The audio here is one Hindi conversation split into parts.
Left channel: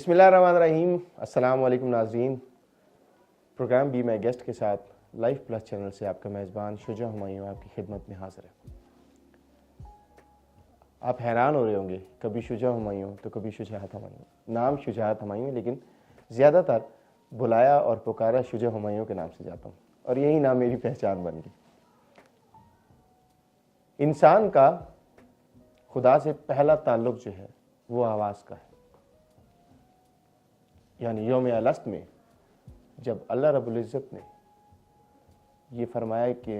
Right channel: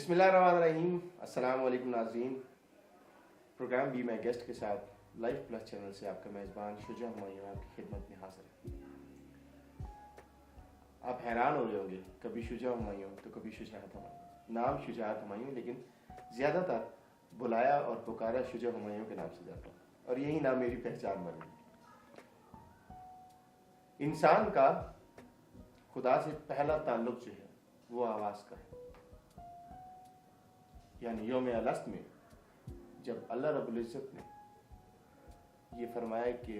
बिस्मिल्लाहिर्रहमानिर्रहीम। अस्सलाम वालेकुम नाज़रीन। प्रोग्राम बी माई गेस्ट के साथ लाइफ प्लस चैनल से आपका मेज़बान शुजा हुमायूं आपकी खिदमत में हाज़िर है। आप हैरान हो रहे होंगे, कभी शुजा हुमायूं तो कभी शुजाअत हुमायूं। नाम शुजाअत हुमायूं, लेकिन ज़्यादातर बुलाया और पुकारा शुजा हुमायूं के नाम से जाता हूँ और यही नाम मेरी पहचान बन गई। इंसान का खुदा से पहला ताल्लुक़ जो है वो आवाज़ का है। यानी यौम अलस्त में जब अल्लाह रब्बुल इज़्ज़त ने ये फरमाया कि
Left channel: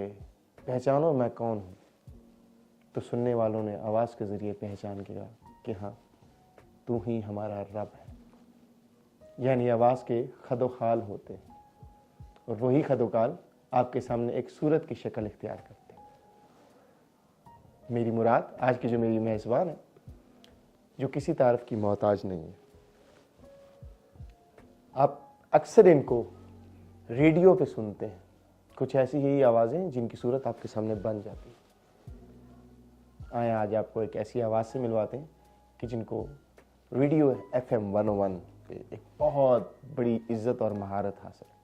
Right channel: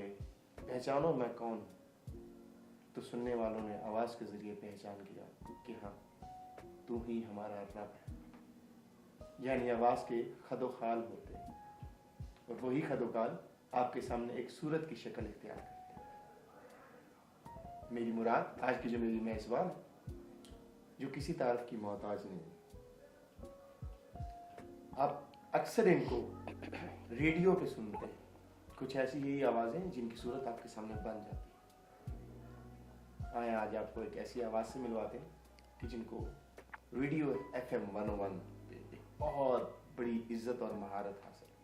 पहचानो मैं कौन हूँ, तो सुनने वालों ने आवाज़ के ज़रिए पहचान किया कि हाँ, तू ही हमारा रब है। यानी आवाज़ के खदोखाल होते हैं और वही खदोखाल आपके सामने एक सूरत की शक्ल इख्तियार करते हैं। मेरी मुराद आज की जो मेरी मेज़बान है, जो किसी तारीफ की मोहताज नहीं है। आप अक्सर इनको रेडियो पे सुनते हैं, कुछ ऐसी ही आवाज़ें जिनकी सूरत आपके सामने बन जाती है। आए आज आपको एक ऐसी आवाज़ से मिलवाते हैं कि जिनको रेडियो FM 101 पे एक बहुत बड़ी इज्जत और महारत हासिल है।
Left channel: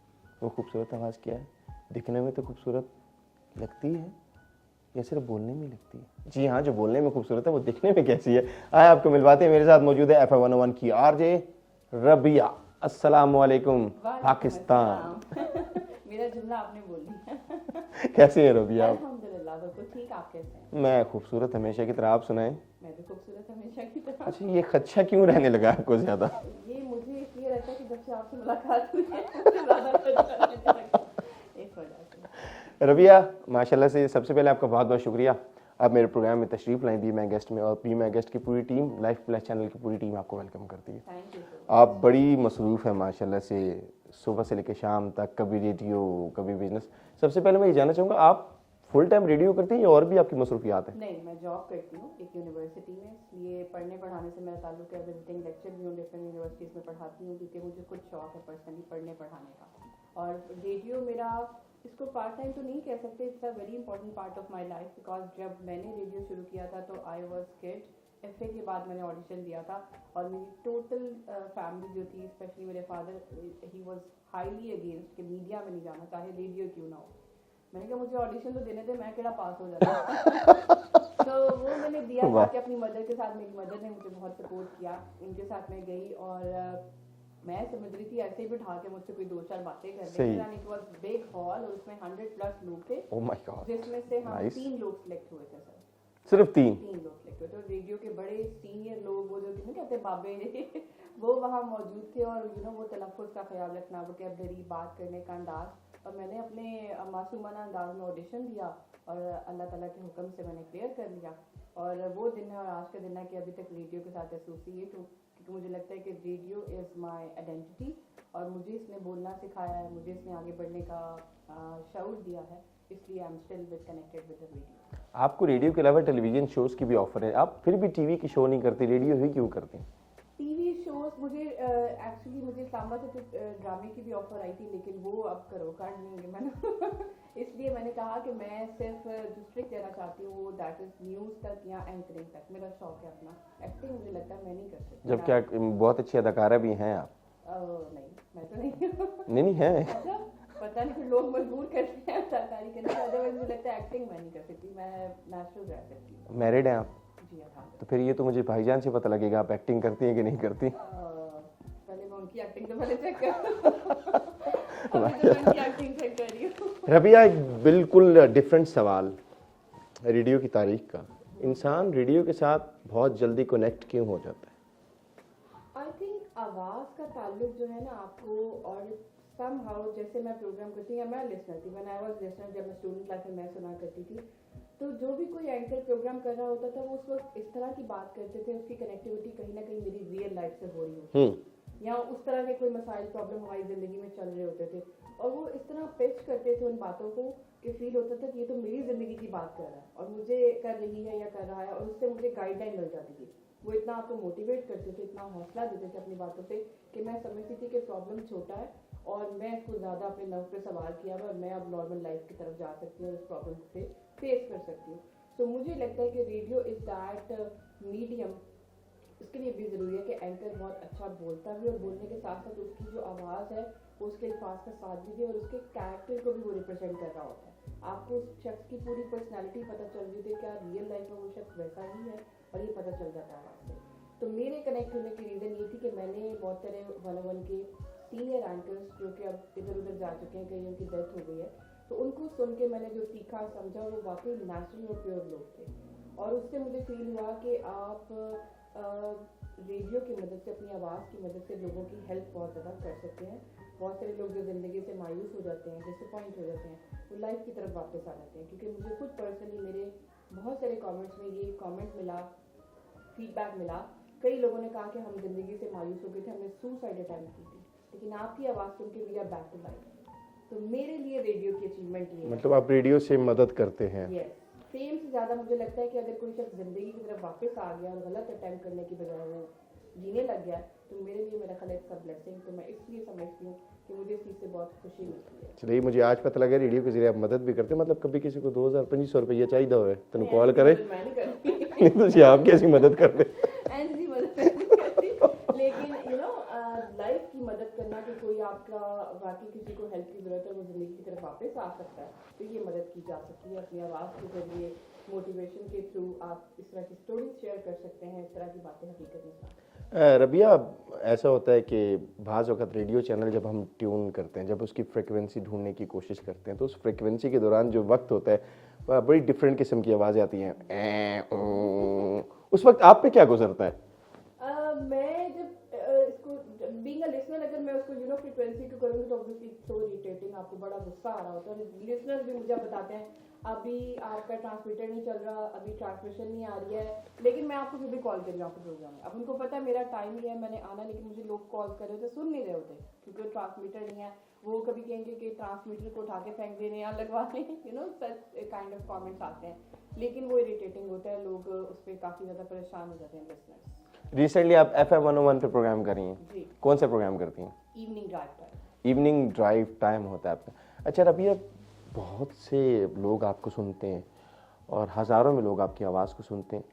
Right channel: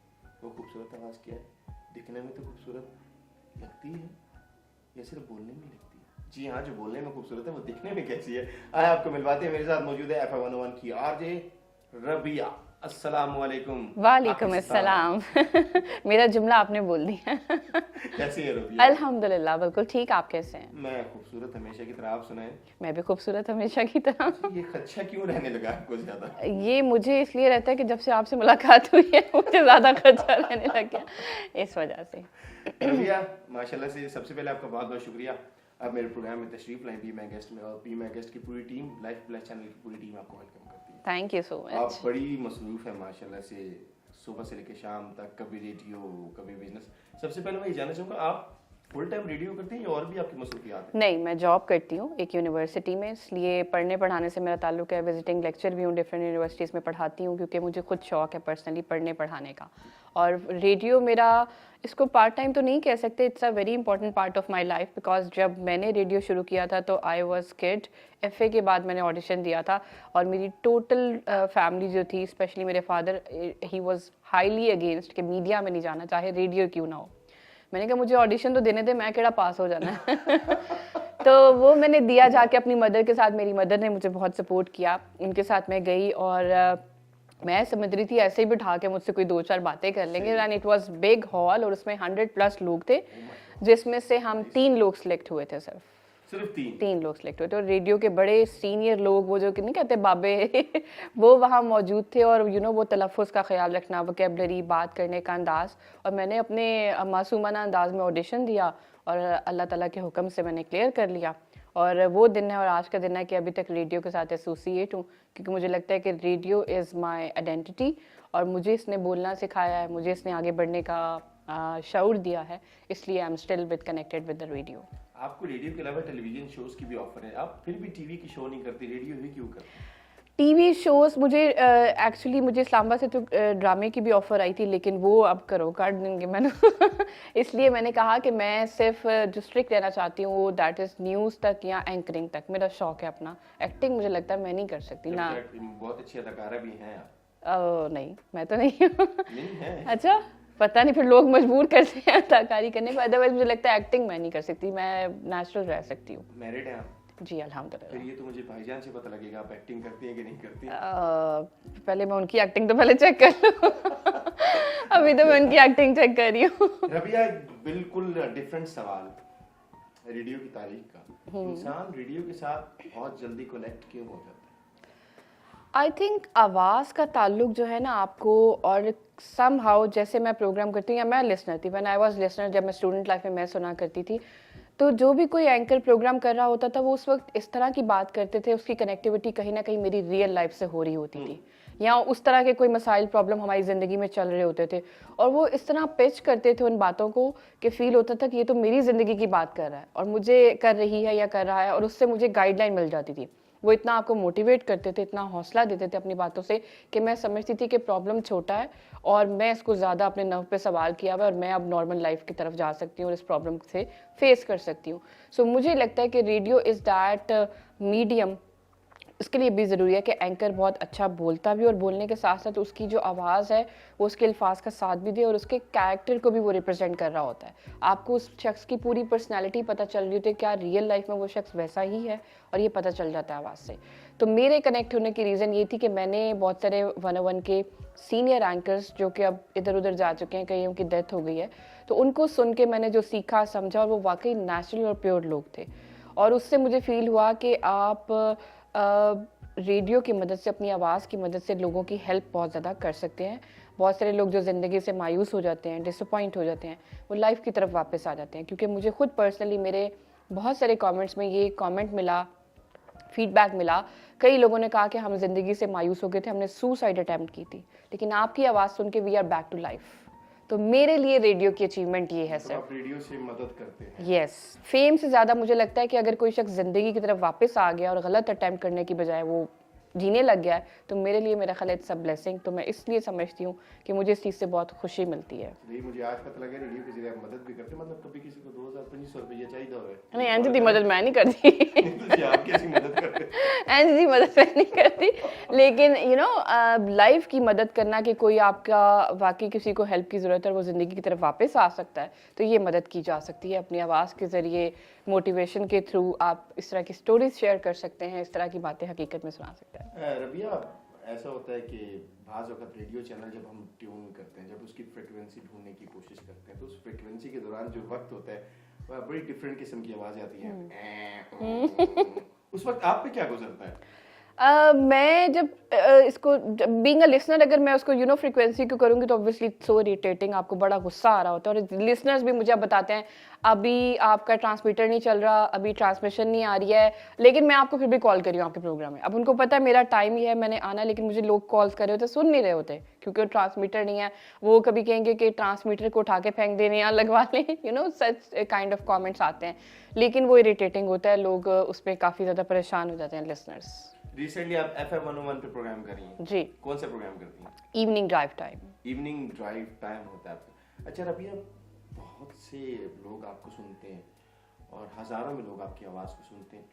वो खूबसूरत आवाज़ क्या है? दिखने में तो खूबसूरत लगती है या सिर्फ बोलने में लगती है? जी हाँ, जो बोलने में खूबसूरत है वो दिखने में कैसी है? आए आपको मिलवाते हैं। मेरे साथ मौजूद है FM 101 की RJ रबिया। अस्सलामुअलैकुम। वालेकुम अस्सलाम। मेरा जुमला आपने बोल दिया। कैसे हैं रबिया? अल्हम्दुलिल्लाह, बिल्कुल ठीक। आप कैसे हैं? मैं खूबसूरत हमेशा की तरह। आप सुनाएं। मैं भी खूबसूरत हमेशा की तरह। अच्छा, ये खदशा क्यों रहने लगा आपको ज्यादा? ये मुझे इसलिए रहता है कि जब से आपसे मुलाकात हुई है मुझे ज्यादा खर्चा रहने लग गया, इस वजह से। रबिया, माशाल्लाह से सबसे पहले आपका बहुत बहुत शुक्रिया। आप मेरे प्रोग्राम में तशरीफ लाएं बी माई गेस्ट में, और बी माई गेस्ट की पूरी टीम, लाइफ प्लस चैनल की पूरी टीम आपको वेलकम करती है। Thank you so much. आप बड़ी मसरूफ हैं माशाल्लाह से, सुबह से लेकर शाम तक, कभी रेडियो कभी बिजनेस। सबसे पहले मैं ये जानना चाहूँगा, आप फुल टाइम रेडियो करते हैं या और भी आपकी मसरूफियात हैं? नहीं, मैं जॉब करती हूँ एक यूनिवर्सिटी में, इसलिए पढ़ने पढ़ाने से मेरा ताल्लुक है। विजिटिंग लेक्चर भी हूँ, डिफरेंट यूनिवर्सिटीज़ में पढ़ाती हूँ क्योंकि मुझे खुद शौक है पर्सनली पढ़ने पढ़ाने का। और रेडियो मेरा, इसको पार्ट टाइम तो नहीं कह सकते, it's a very important part of my life, because जब मैंने रेडियो शुरू किया था तो आई वाज किड। FA के बाद मैंने ऑडिशन दिया था और मेरी टोटल फैमिली जो थी, स्पेशली मेरे father, he was highly against कि मीडिया में नहीं जाना, चाहे रेडियो क्यों ना हो। मैंने कहा मुझे ऑडिशन तो देने दे, मैं केड़ा पास हो जाना है। तो वो मैंने दिया जाके अपनी मदर के साथ। मेरी मदर ने मुझे बहुत सपोर्ट किया, उनके साथ मैं गई और मैं समझ रही थी ऐसे ही बिठा के मुझसे कोई 2-4 बातें कर लेंगे। And it was big hall और उसमें 100+ लोग थे, जिसमें से हम 3 लोग सिलेक्ट हुए थे। सिर्फ 3 लोग सिलेक्ट हुए थे। और रेडियो के बड़े सीनियर लोग, वो जो नहीं कहते बाबे वो वहाँ मौजूद थे। और वो तलफ़ुज़ का ख्याल रखना, वोकैबुलरी, बात करने का अंदाज़। और मैंने अपने मासूमाना अंदाज में ऑडिशन दिया और अल्लाह ताला के हुक्म से मैंने क्लियर कर लिया। और वो दिन है और आज का दिन है कि अभी तक रेडियो के साथ एसोसिएट हूँ, क्योंकि मुझे लगता है कि रेडियो इज़ माय आइडेंटिटी और मुझे इसने बोलना सिखाया है, मुझे इसने आगे बढ़ने का शऊर दिया है, इसलिए I am still with connected with the radio. आपको रेडियो के अलावा टेलीविजन शोज़ की भी ऑफर है, आप फिर भी टीवी की शो नहीं करते, रेडियो ही क्यों करते? टीवी शोज़ मुझे एक्चुअली मुझे इस्लामाबाद से तो ड्रामे की भी ऑफ़र आई थी, लेकिन वो अब करो काट देंगे मैंने। इसलिए मैंने कहा कि मैं सिर्फ जो स्ट्रिक्ट रहना चाहती हूँ वो दैट इज़ न्यूज़ तक या एंकरिंग तक। मेरा शौक है अपना। एक्टिंग मुझे लगता है मैं नहीं कर सकती ना। बहुत अच्छी अदाकारा भी हैं आप। नहीं, मैं तो नहीं हूँ। नहीं है? अच्छा, पता नहीं, फिर लोग मजबूर करते हैं अदाकारी करने को। अदरवाइज मुझे लगता है एक्टिंग मैं नहीं कर सकती, मैं नेचुरल रह सकती हूँ। मैरिड हैं आप? जी अल्हम्दुलिल्लाह। फिर ये तो मुझे भाईजान से पता लगेगा आप एक्टिंग करती हैं कि नहीं करती। पहले मैं उनकी एक्टिंग तो पहले चेक कर लूं। अभी तो मैं उनकी एक्टिंग चेक कर रही हूँ। रबिया, एक बिल्कुल डिफरेंट सवाल रेडियो की तारीख का। इंसान रेडियो के साथ बहुत जल्दी कनेक्ट क्यों हो जाता है? आई थिंक आवाज़ का ताल्लुक जो है ना आपको, और समहाउ जैसे मैं प्रोग्राम करती हूँ या मैं लिसनर थी, व्हेन आई वाज लिसनर, जब मैं स्टूडेंट लाइफ में मैं सुना करती थी, तो जो भी कोई एंकर प्रोग्राम कर रहा होता था वो उस वक्त इस तरह की बात करते थे, उसकी कनेक्टिविटी कहीं ना कहीं मेरी रियल लाइफ से हो रही होती थी, या उस तरह के कोई मसाइल प्रॉब्लम हमारी ज़िंदगी में चल रहे होते थे और वो इस तरह पिच करते थे उन बातों को कि फील होता था कि ये तो मेरी ज़िंदगी की बात कर रहा है और मुझे कर रही है या कर रहा है, और उससे मुझे गाइडलाइन मिल जाती थी। वो इतना आपको मोटिवेट करते थे, इतना हौसला देते थे अपनी बातों से कि मैं समझती थी कि प्रॉब्लम छोटा है और मैं इसको ज़्यादा अपने नर्व पे सवार किया हुआ है और मैं अब नॉर्मल लाइफ की तरफ जा सकती हूँ और इस प्रॉब्लम से फेस कर सकती हूँ। सो मुझे लगता है कि रेडियो इज़ दैट मीडियम इसके लिए भी ज़रूरी है कि एंकर बहुत अच्छा बोलता भी और बोलने के साथ साथ उसकी जो आवाज़ है वो उसके अल्फाज का साथ भी दे और उसके कैरेक्टर को भी वो रिप्रेजेंट कर रहा होता है। आपको उस शख्स की पूरी पर्सनैलिटी पता चल रही होती है, क्या रियल लाइफ में वो शख्स वैसा ही है, और ये पता चल जाता है आवाज़ से। तो मेरे कनेक्ट होने की रीज़न ये थी कि मैंने बहुत सारे 101 के सीनियर एंकर्स जो कि अब इधर उधर जा चुके हैं, कईयों की डेथ हो गई है, तो उनको सुन के मैंने जो सीखा समझा, और वो वाकई नेचुरल और प्योर लोग थे। और उससे मुझे फील हुआ कि आप रेडियो की मदद से, अपनी आवाज़ की मदद से लोगों की हेल्प बहुत ज़्यादा कर सकते हैं। बहुत सारे लोग जो ज़िंदगी से मायूस हो जाते हैं, डिसअपॉइंट हो जाते हैं, वो लाइफ की तरफ वापस आ जाते हैं। क्योंकि मुझे खुद पर्सनली मेरे बहुत सारे कमेंट्स में ये कमेंट मिला, फीडबैक मिला, कई लोगों ने कहा कि हम ज़िंदगी से मायूस हो गए थे, हमने सुसाइड अटैम्प्ट की थी, लेकिन आपकी आवाज़ सुन के we are back to life. तो मेरे लिए रेडियो की अचीवमेंट ये है। तो आप रेडियो से मदद करते हैं? यस, फेम से ज़्यादा मुझे लगता है कि अगर कोई शख्स ज़िंदगी की तरफ वापस आ गया और गलत अटैम्प्ट करने की बजाय वो जीने लग गया है, तो मेरे लिए मेरा ख्याल इट्स अ ब्लेसिंग। तो मैं इसलिए समझती हूँ कि मुझे इस चीज़ से बहुत खुशी मिलती है। चलिए, मुझे आज पता लगा रेडियो के जरिए आप मदद भी करते हैं। मतलब कभी किसी को 2000-2500 रुपया चाहिए हो नहीं, ऐसी मदद मैं नहीं करती। तो आप कैसी मदद करते हैं? ऐसी मदद मैं नहीं करती, लेकिन लाइफ की मदद करना, कि कोई आपका वाकई किसी को हेल्प की ज़रूरत है और वो ज़िंदगी की तरफ वापस आ सकता है, तो ये मदद की जा सकती है। अपनी आवाज़ के ज़रिए, मोटिवेशन के थ्रू आप इस तरह की स्टोरीज शेयर कर सकते हैं, इस तरह की बातें हकीकत में सुना सकते हैं। रबिया, ऐसा होता है कि बाज़ वक़्त रेडियो चैनल जब हम ट्यून करते हैं, जब उसकी फ्रिक्वेंसी ढूंढने की कोशिश करते हैं, तो उस फ्रिक्वेंसी के दौरान जो वक्त होता है वह बड़ी डिफरेंट किस्म की आवाज़ें आती हैं। उस वक्त आप पे क्या गुजरता है? मैं जब इसको बीइंग अ लिसनर, अगर मैं उसको फ्रीक्वेंसी को करूँगी तो ऑब्वियसली सो इरिटेटिंग, आपको बड़ा गुस्सा आ रहा होता है। और लिसनर्स भी मुझे अब बताते हैं, अभी आपका ट्रांसमीटर नहीं चल रहा, अभी ट्रांसमिशन नहीं आ रही है, लेकिन मैं आपको फिर भी कॉल कर रही हूँ आपके प्रोग्राम में। अब उनको पता है मेरा टाइम ही है, मैंने आना है, लेकिन मुझे लोग कॉल्स कर रहे होते, सुन नहीं रहे होते, क्योंकि वो ट्रांसमीटर नहीं है। वो कभी कहेंगे कि ट्रांसमीटर को उठा के फेंक देने या लगवा लें, सच काइंड ऑफ कॉमेंट्स आते हैं, लेकिन वो इरिटेटिंग होता है। लोग उस पर काफ़ी ज़्यादा परेशान हो जाते हैं, लिसनर्स। रिसेंटली आप FM 101 पे प्रोग्राम कर रही हैं जी। कौन सा प्रोग्राम करती हैं? Evening drive time. Evening drive time होता है आपका। अच्छा रबिया, बहुत से लोग आपको सुनते हैं और हज़ारों में लोग आपकी आवाज़ को सुनते हैं,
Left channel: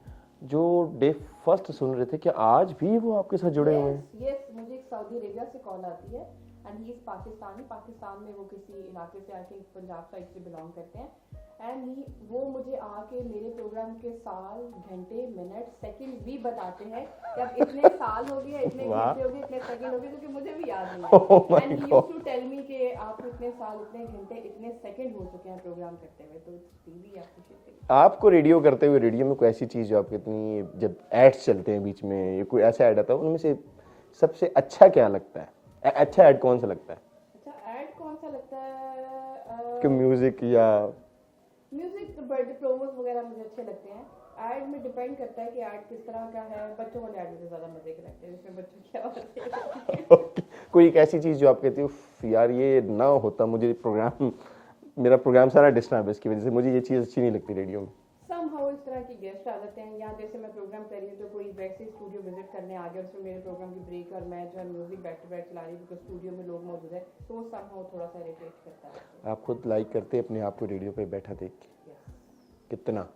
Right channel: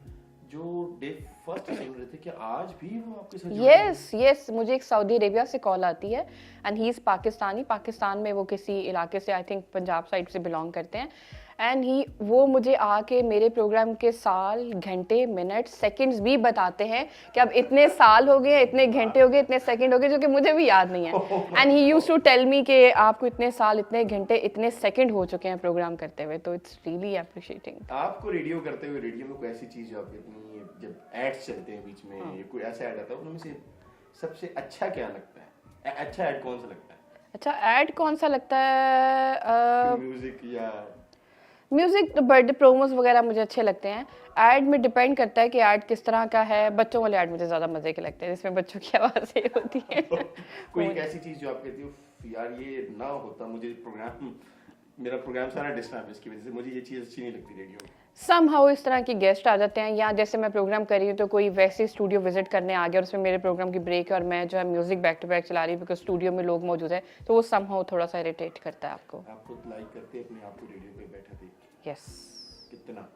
जो डे फर्स्ट सुन रहे थे, क्या आज भी वो आपके साथ जुड़े हैं? यस, मुझे एक सऊदी अरेबिया से कॉल आती है, and he is Pakistani. Pakistan में वो किसी इलाके से, आई थिंक पंजाब साइड से बिलोंग करते हैं, एंड वो मुझे आके मेरे प्रोग्राम के साल, घंटे, मिनट, सेकंड्स भी बताते हैं कि अब इतने साल हो गए, इतने घंटे हो गए, इतने सेकंड हो गए, जो कि मुझे भी याद नहीं है। And he used to tell me कि आपको इतने साल, इतने घंटे, इतने सेकंड हो चुके हैं प्रोग्राम करते हुए। तो इट्स रियली अप्रिशिएटिंग। आपको रेडियो करते हुए, रेडियो में कोई ऐसी चीज़ जो आपको इतनी, जब एड्स चलते हैं बीच में, कोई ऐसा ऐड आता है, उनमें से सबसे अच्छा क्या लगता है? अच्छा ऐड कौन सा लगता है? अच्छा ऐड कौन सा लगता है? म्यूजिक या म्यूजिक, बर्थडे प्रोमोस वगैरह मुझे अच्छे लगते हैं। ऐड में डिपेंड करता है कि ऐड किस तरह का है। बच्चों वाले ऐड मुझे ज़्यादा मजे के लगते हैं, जिसमें बच्चों की आवाज़ें होती है। कोई एक ऐसी चीज़ जो आप कहती हो, यार ये ना होता, मेरा प्रोग्राम सारा डिस्टर्ब है, इसकी वजह से मुझे ये चीज़ अच्छी नहीं लगती रेडियो में। समहाउ इस तरह के गेस्ट आ जाते हैं, या जैसे मैं प्रोग्राम कर रही हूँ तो कोई वैसे स्टूडियो विजिट करने आ गया और उसमें मेरे प्रोग्राम की ब्रेक है और मैं जो है म्यूजिक बैक टू बैक चला रही हूँ बिकॉज स्टूडियो में लोग मौजूद है, तो वो समहाउ थोड़ा सा इरिटेट करता है आपको। आप खुद लाइक करते हैं अपने आप को रेडियो पे बैठा देख के? यस। कितना?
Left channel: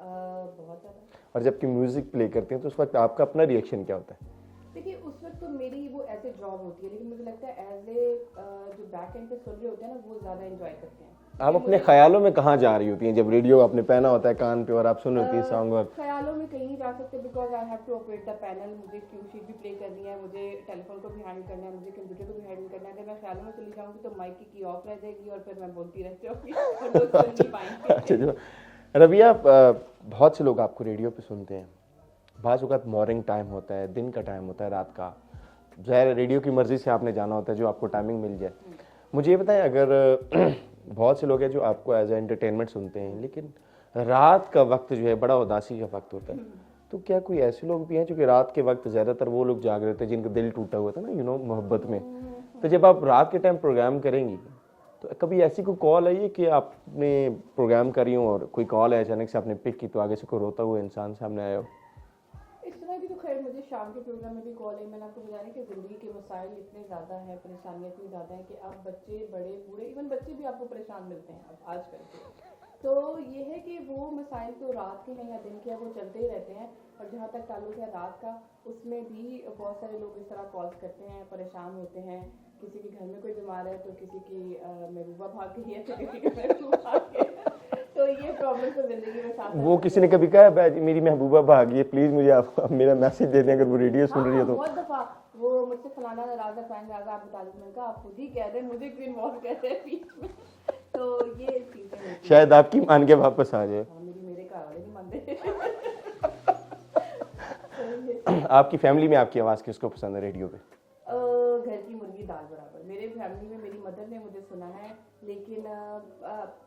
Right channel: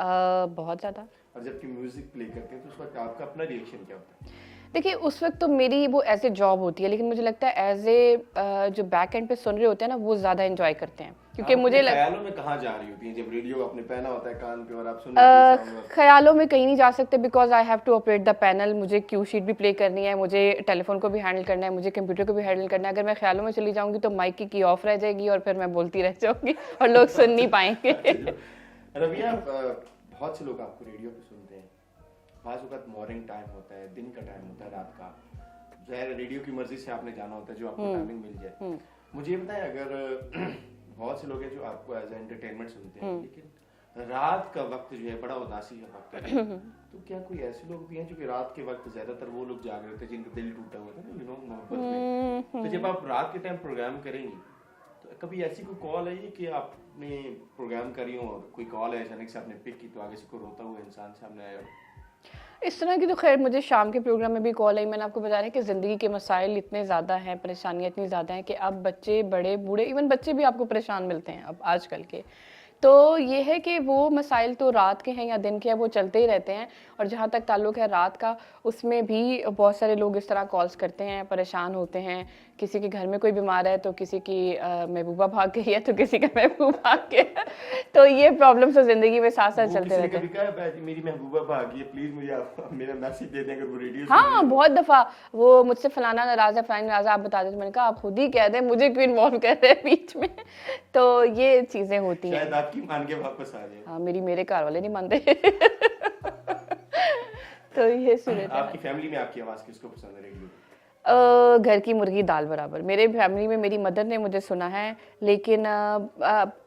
बहुत ज़्यादा। और जबकि म्यूजिक प्ले करते हैं तो उस वक्त आपका अपना रिएक्शन क्या होता है? देखिए उस वक्त तो मेरी वो एज ए जॉब होती है, लेकिन मुझे लगता है एज ए जो बैक एंड पे सुन रहे होते हैं ना, वो ज़्यादा एंजॉय करते हैं। क्योंकि मुझे ख्यालों में कहाँ जा रही होती हैं जब रेडियो आपने पहना होता है कान पे और आप सुन रही हैं सॉन्ग? ख्यालों में कहीं नहीं जा सकते, because I have to operate the panel. मुझे क्यू शीट भी प्ले करनी है, मुझे टेलीफोन को भी हैंडल करना है, मुझे कंप्यूटर को भी हैंडल करना है। अगर मैं ख्यालों में चली जाऊंगी तो माइक की ऑफ रह जाएगी और फिर मैं बोलती रह जाऊंगी और लोग सुन नहीं पाएंगे। रबिया, बहुत से लोग आपको रेडियो पे सुनते हैं, बाज़ वक़्त मॉर्निंग टाइम होता है, दिन का टाइम होता है, रात का, ज़ाहिर रेडियो की मर्जी से आपने जाना होता है जो आपको टाइमिंग मिल जाए। मुझे ये बताएं, अगर बहुत से लोग हैं जो आपको एज ए एंटरटेनमेंट सुनते हैं, लेकिन रात का वक्त जो है बड़ा उदासी का वक्त होता है, तो क्या कोई ऐसे लोग भी हैं जो कि रात के वक्त ज़्यादातर वो लोग जाग रहे होते हैं जिनका दिल टूटा हुआ था ना, मोहब्बत में, तो जब आप रात के टाइम प्रोग्राम करेंगी तो कभी ऐसी कोई कॉल आई है कि आपने प्रोग्राम करी हो और कोई कॉल है अचानक से आपने पिक की तो आगे से कोई रोता हुआ इंसान सामने आया हो? इस तरह की तो खैर मुझे शाम के प्रोग्राम में भी कॉल आई। मैंने आपको बता रहा है कि ज़िंदगी के मसाइल इतने ज़्यादा हैं, परेशानियाँ इतनी ज़्यादा हैं कि अब बच्चे, बड़े, बूढ़े, इवन बच्चे भी आपको परेशान मिलते हैं अब आजकल के, तो ये है कि वो मसाइल तो रात के हैं या दिन के हैं, वो चलते ही रहते हैं। और जहाँ तक ताल्लुक है रात का, उसमें भी बहुत सारे लोग इस तरह कॉल्स करते हैं, परेशान होते हैं। किसी के घर में कोई बीमार है तो किसी की महबूबा भाग गई है तो किसी का महबूब भाग गया। तो ये प्रॉब्लम तो जिंदगी में साथ साथ वो चलते किसी ने रहते हैं। कभी कहा मेरी महबूबा भागी है, प्लीज मुझे आप मेरा मैसेज दे दें अगर वो रेडियो सुन रही हाँ, है तो। बहुत दफा वो मुझसे फलाना नाराज है, फलानी नाराज है, आप बता देते। मैंने कहा आप खुद ही कह दें, मुझे क्यों इन्वॉल्व कर रहे हैं बीच में। तो ये चीजें होती हैं। शायद आपकी मान के वापस आ जाए। हाँ, मेरे घर वाले नहीं मानते। तो ये चीज़ें। आपकी फैमिली में आपकी आवाज किसको पसंद है रेडियो पे? घर की मुर्गी दाल बराबर। मेरे फैमिली में मेरी मदर ने मुझे सुना है, लेकिन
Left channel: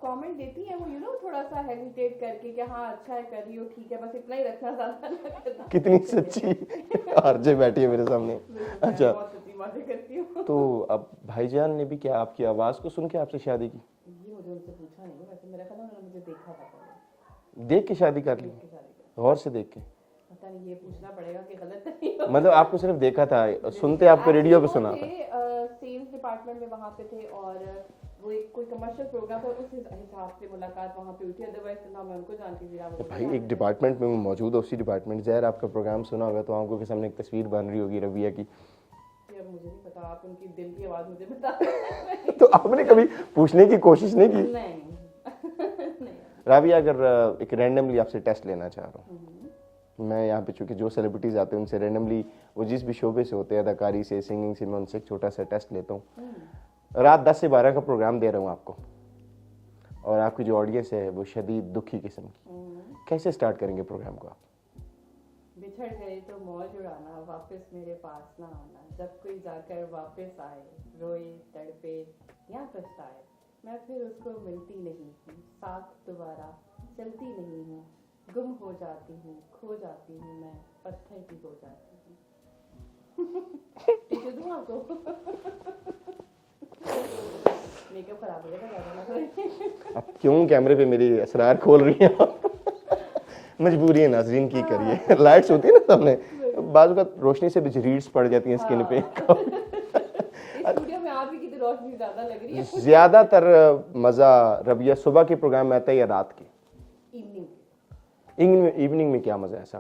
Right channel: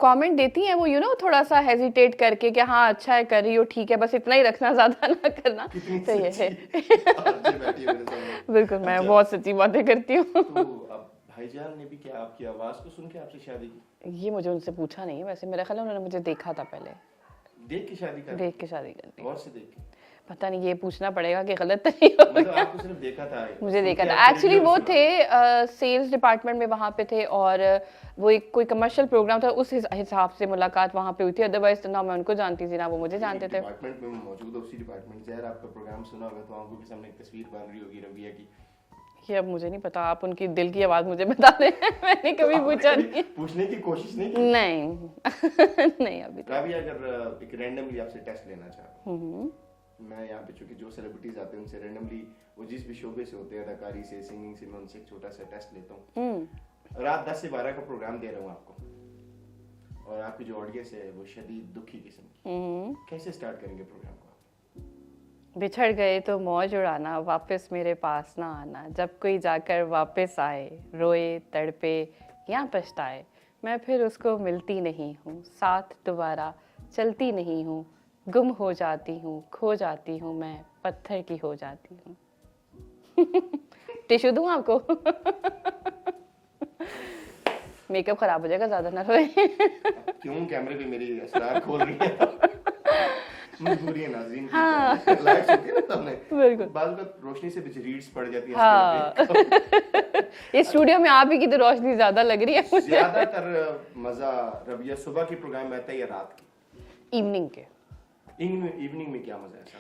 कमेंट देती हैं वो थोड़ा सा हेजिटेट करके कि हाँ अच्छा है, कर रही हो, ठीक है, बस इतना ही रखना, ज्यादा ना करना। कितनी तो ये सच्ची है। आरजे बैठी है मेरे सामने। बिल्कुल, मैं अच्छा। बहुत सच्ची बातें करती हूँ। तो अब भाईजान ने भी क्या आपकी आवाज को सुन के आपसे शादी की? ये मुझे उनसे पूछा नहीं, वैसे मेरा ख्याल है उन्होंने मुझे देखा था पहले, देख के शादी कर ली? देख के शादी कर ली। गौर से देख के? पता नहीं, ये पूछना पड़ेगा कि गलत तो नहीं होगा। मतलब आपको सिर्फ देखा था, मुझे सुन देखा के था। आपको एक्चुअली रेडियो पे वो सुना? थे सेल्स डिपार्टमेंट में, वहाँ पे थे, और वो एक कोई कमर्शियल प्रोग्राम था, उस हिसाब से मुलाकात वहाँ पे हुई थी। अदरवाइज ना मैं उनको जानती थी ना वो मुझे भाई, जानते एक थे। डिपार्टमेंट में मौजूद है, उसी डिपार्टमेंट ज़ाहिर आपका प्रोग्राम सुना होगा तो आंखों के सामने एक तस्वीर बन रही होगी रबिया की। ये अब मुझे नहीं पता, आप उनकी दिल की आवाज मुझे बता दें। मैंने तो कभी आपने पूछा कभी पूछने की कोशिश नहीं की? नहीं। नहीं अभी। राबिया, अगर एक रैंडमली आपसे टेस्ट लेना चाह रहा हूँ, मैं यहाँ पे चूंकि जो सेलिब्रिटीज आते हैं उनसे रैंडमली, वो जिस भी शोबे से होते हैं, अदाकारी से, सिंगिंग से, मैं उनसे एक छोटा सा टेस्ट लेता हूँ। रात 10 से 12 का प्रोग्राम दे रहा हूँ आपको, और आपकी जो ऑडियंस है वो शदीद दुखी किस्म की, कैसे स्टार्ट करेंगे प्रोग्राम को आप? बिछड़ गए तो मौज उड़ाना, वापस मेरे पास ना आना, जब कोई जाकर वापस आए, रोए तड़पे या पछताए, मैं फिर उसको मिलती नहीं हूँ, साथ दोबारा चलती नहीं हूँ, गुम हो जाती हूँ, खो जाती हूँ, मैं पत्थर की हो जाती हूँ। टिश्यू दूँ आपको? मेकअप खराब हो जाएगा, ज्यादा ना रोए। आप क्यों कैमरे पे मेरी असरार खोल रही है? मजबूरी है नाज़रीन की करनी। लाइट्स होती है ना सामने, बाजू का रोशनी से भी रीड्स पड़ जाती हैं स्किन पे। ये स्टूडियो में आप ही की तो रोशनी ज्यादा लग रही है। ज्यादातर मजा रबिया सुबह के प्रोग्राम में आता है या रात के? इवनिंग के। इवनिंग में क्या मजा है? ऐसा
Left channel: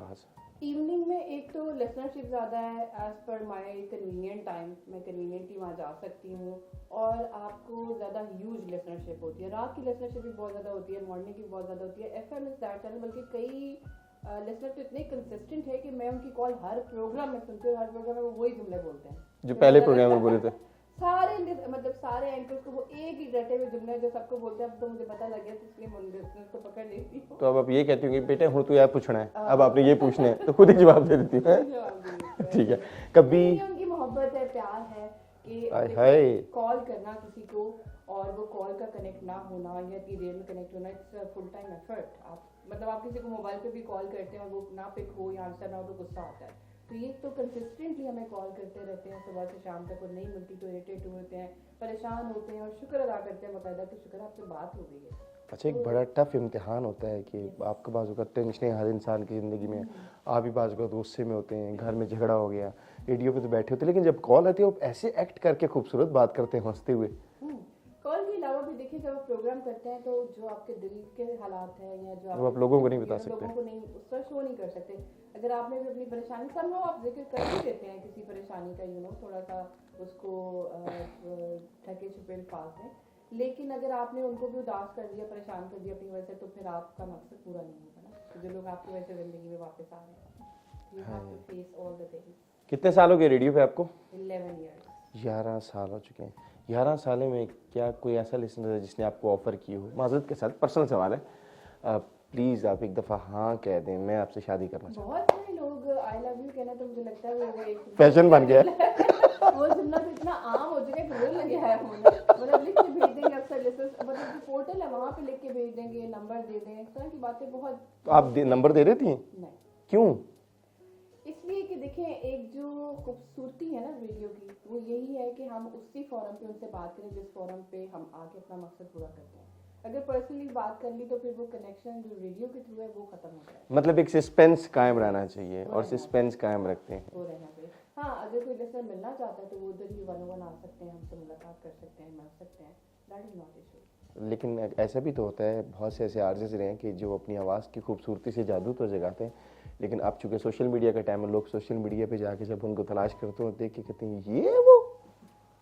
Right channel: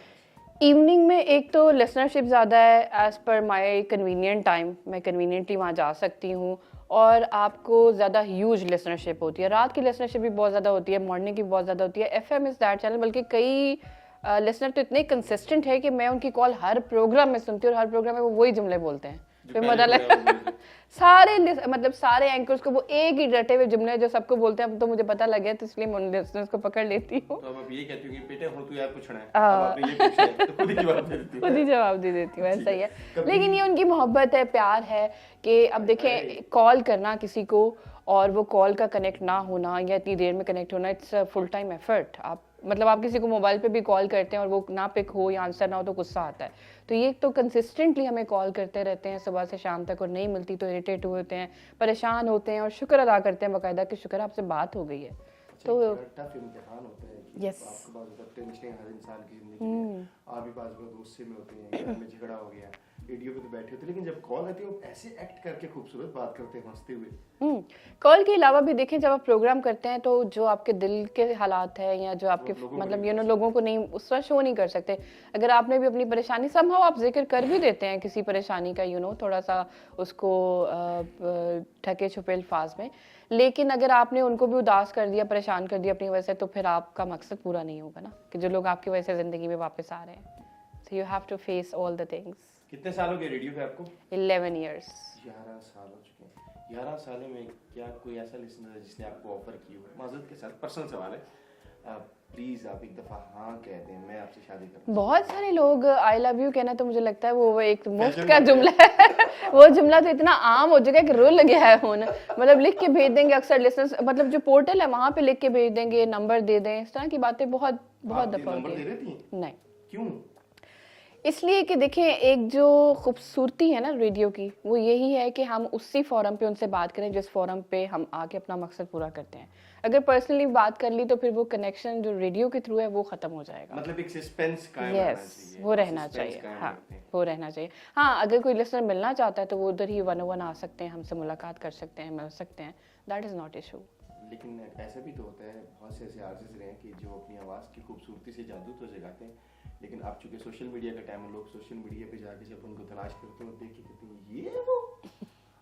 इवनिंग में एक तो लिसनरशिप ज़्यादा है, as per my convenient time, मैं कन्वीनियंटली वहाँ जा सकती हूँ, और आपको ज़्यादा ह्यूज लिसनरशिप होती है। रात की लिसनरशिप भी बहुत ज़्यादा होती है, मॉर्निंग की बहुत ज़्यादा होती है। FM इज़ दैट चैनल, बल्कि कई लिसनर तो इतने कंसिस्टेंट है कि मैं उनकी कॉल हर प्रोग्राम में सुनती हूँ, और हर प्रोग्राम में वो वही जुमले बोलते हैं जो फिर पहले पता प्रोग्राम में बोले थे। सारे मतलब सारे एंकर्स को वो एक ही रटे हुए जुमले जो सबको बोलते हैं। अब तो मुझे पता लग गया, तो इसलिए मैं उन लिसनर्स को पकड़ लेती हूँ। तो अब आप ये कहती हूँ कि बेटे हूँ तो यार पूछना है, अब आपने ये पूछना है, तो खुद ही जवाब दे देती खुद है। ही जवाब दे देती हूँ, ऐसा ही है। कभी- लेकिन ये उनकी मोहब्बत है, प्यार है कि अब देखिए, कॉल करना किसी को और वो कॉल का कनेक्ट ना होना या इतनी देर में कनेक्ट होना, इट्स फुल टाइम एफर्ट। आप मतलब आप किसी को मोबाइल पे भी कॉल करते हैं और वो ना पिक हो या आंसर ना हो तो गुस्सा आता है। तो ये तो कंसिस्टेंटली हमें कॉल करते रहते हैं सुबह से शाम तक, और नहीं मिलती तो इरिटेट होते हैं, परेशान होते हैं, और शुक्र अदा करते हैं बाकायदा कि शुक्र आपसे बात हो गई है। अच्छा, एक बड़ा टफ इम्तिहान होता है कि आपके बाजू का टेंशन हर इंसान की जिंदगी में, आप भी बाजू का गुस्से में होते हैं, घर में झगड़ा हो गया, रेडियो पे तो बैठे होते, लेकिन जब कॉल आती है आप ऐसे एक्ट करके खूबसूरत बात करते हैं हंसते हुए। कॉल के अलावा भी देखें, जब आप प्रोग्राम करते हैं तो जो आपके दिल के हालात है या जो आपके मतलब लोगों को नहीं उस तरह शो नहीं कर सकते। अगर आपने भी अपनी परेशानी समहाउ आप जिक्र कर भी देते हैं किसी परेशानी का, थोड़ा सा उसको ढके छुपे अल्फाज में, लेकिन अगर आपने उनको भी उदास कर दिया, परेशान कर दिया अपनी वजह से, तो फिर आपका मकसद पूरा नहीं होगा ना, कि जो लोग आपकी वजह से जिंदगी में वापस आ रहे हैं। So you have to face all the things. कितने साल हो गए रेडियो पे आपको? 11 years। 11 साल हो चुके हैं। 11 साल में क्या कोई ऐसा लिसनर है जिसने आपको ऑफर की हो? माजरत के साथ पर्सनल सवाल है, प्लीज आप एक दफा हाँ कह दें, मैं आपसे शादी करना। बहुत सारे लोग आई लव यू कहना तो मुझे लगता है वो एक फैशन का बन गया। जुमला है। वो जुमला तो इतना आम हो चुका है कि रोल लगे है होना। मतलब लिख के भेज देंगे अक्सर लिसनर्स, मतलब जो पोर्टल है वहां पे लिख के भेज देंगे, नंबर दे दें, इस तरह की बातें बहुत आप नंबर दे देती हैं? नहीं, क्यों? इसलिए कि देखें, एक जो खूबसूरती है ना रेडियो की, वो यही है कि हम उसी फोरम पे उनसे बात करें जिस फोरम पे हम आके अपना मकसद पूरा करते हैं। अगर पर्सनली बात कर ली तो फिर वो कनेक्शन जो रेडियो के थ्रू है वो खत्म हो जाएगा। मतलब एक सस्पेंस कायम रहना चाहिए, वो रहना चाहिए, कायम रखते हैं, वो रहना चाहिए। हाँ, अगर कोई लिसनर मिलना चाहता है तो वो उधर ही 101 आ सकते हैं, हमसे मुलाकात कर सकते हैं, मिल सकते हैं, दैट इज नॉट इशू। लेकिन ऐसा भी तो होता है, बहुत से ऐसे आर्टिस्ट रहे हैं कि जो अपनी आवाज़ की खूबसूरती से जादू तो जगाते हैं, लेकिन अब चूंकि सोशल मीडिया का टाइम है, लोग सोशल मीडिया पे जाके जब उनको तलाश करते हैं, देख के कहते हैं ये वो।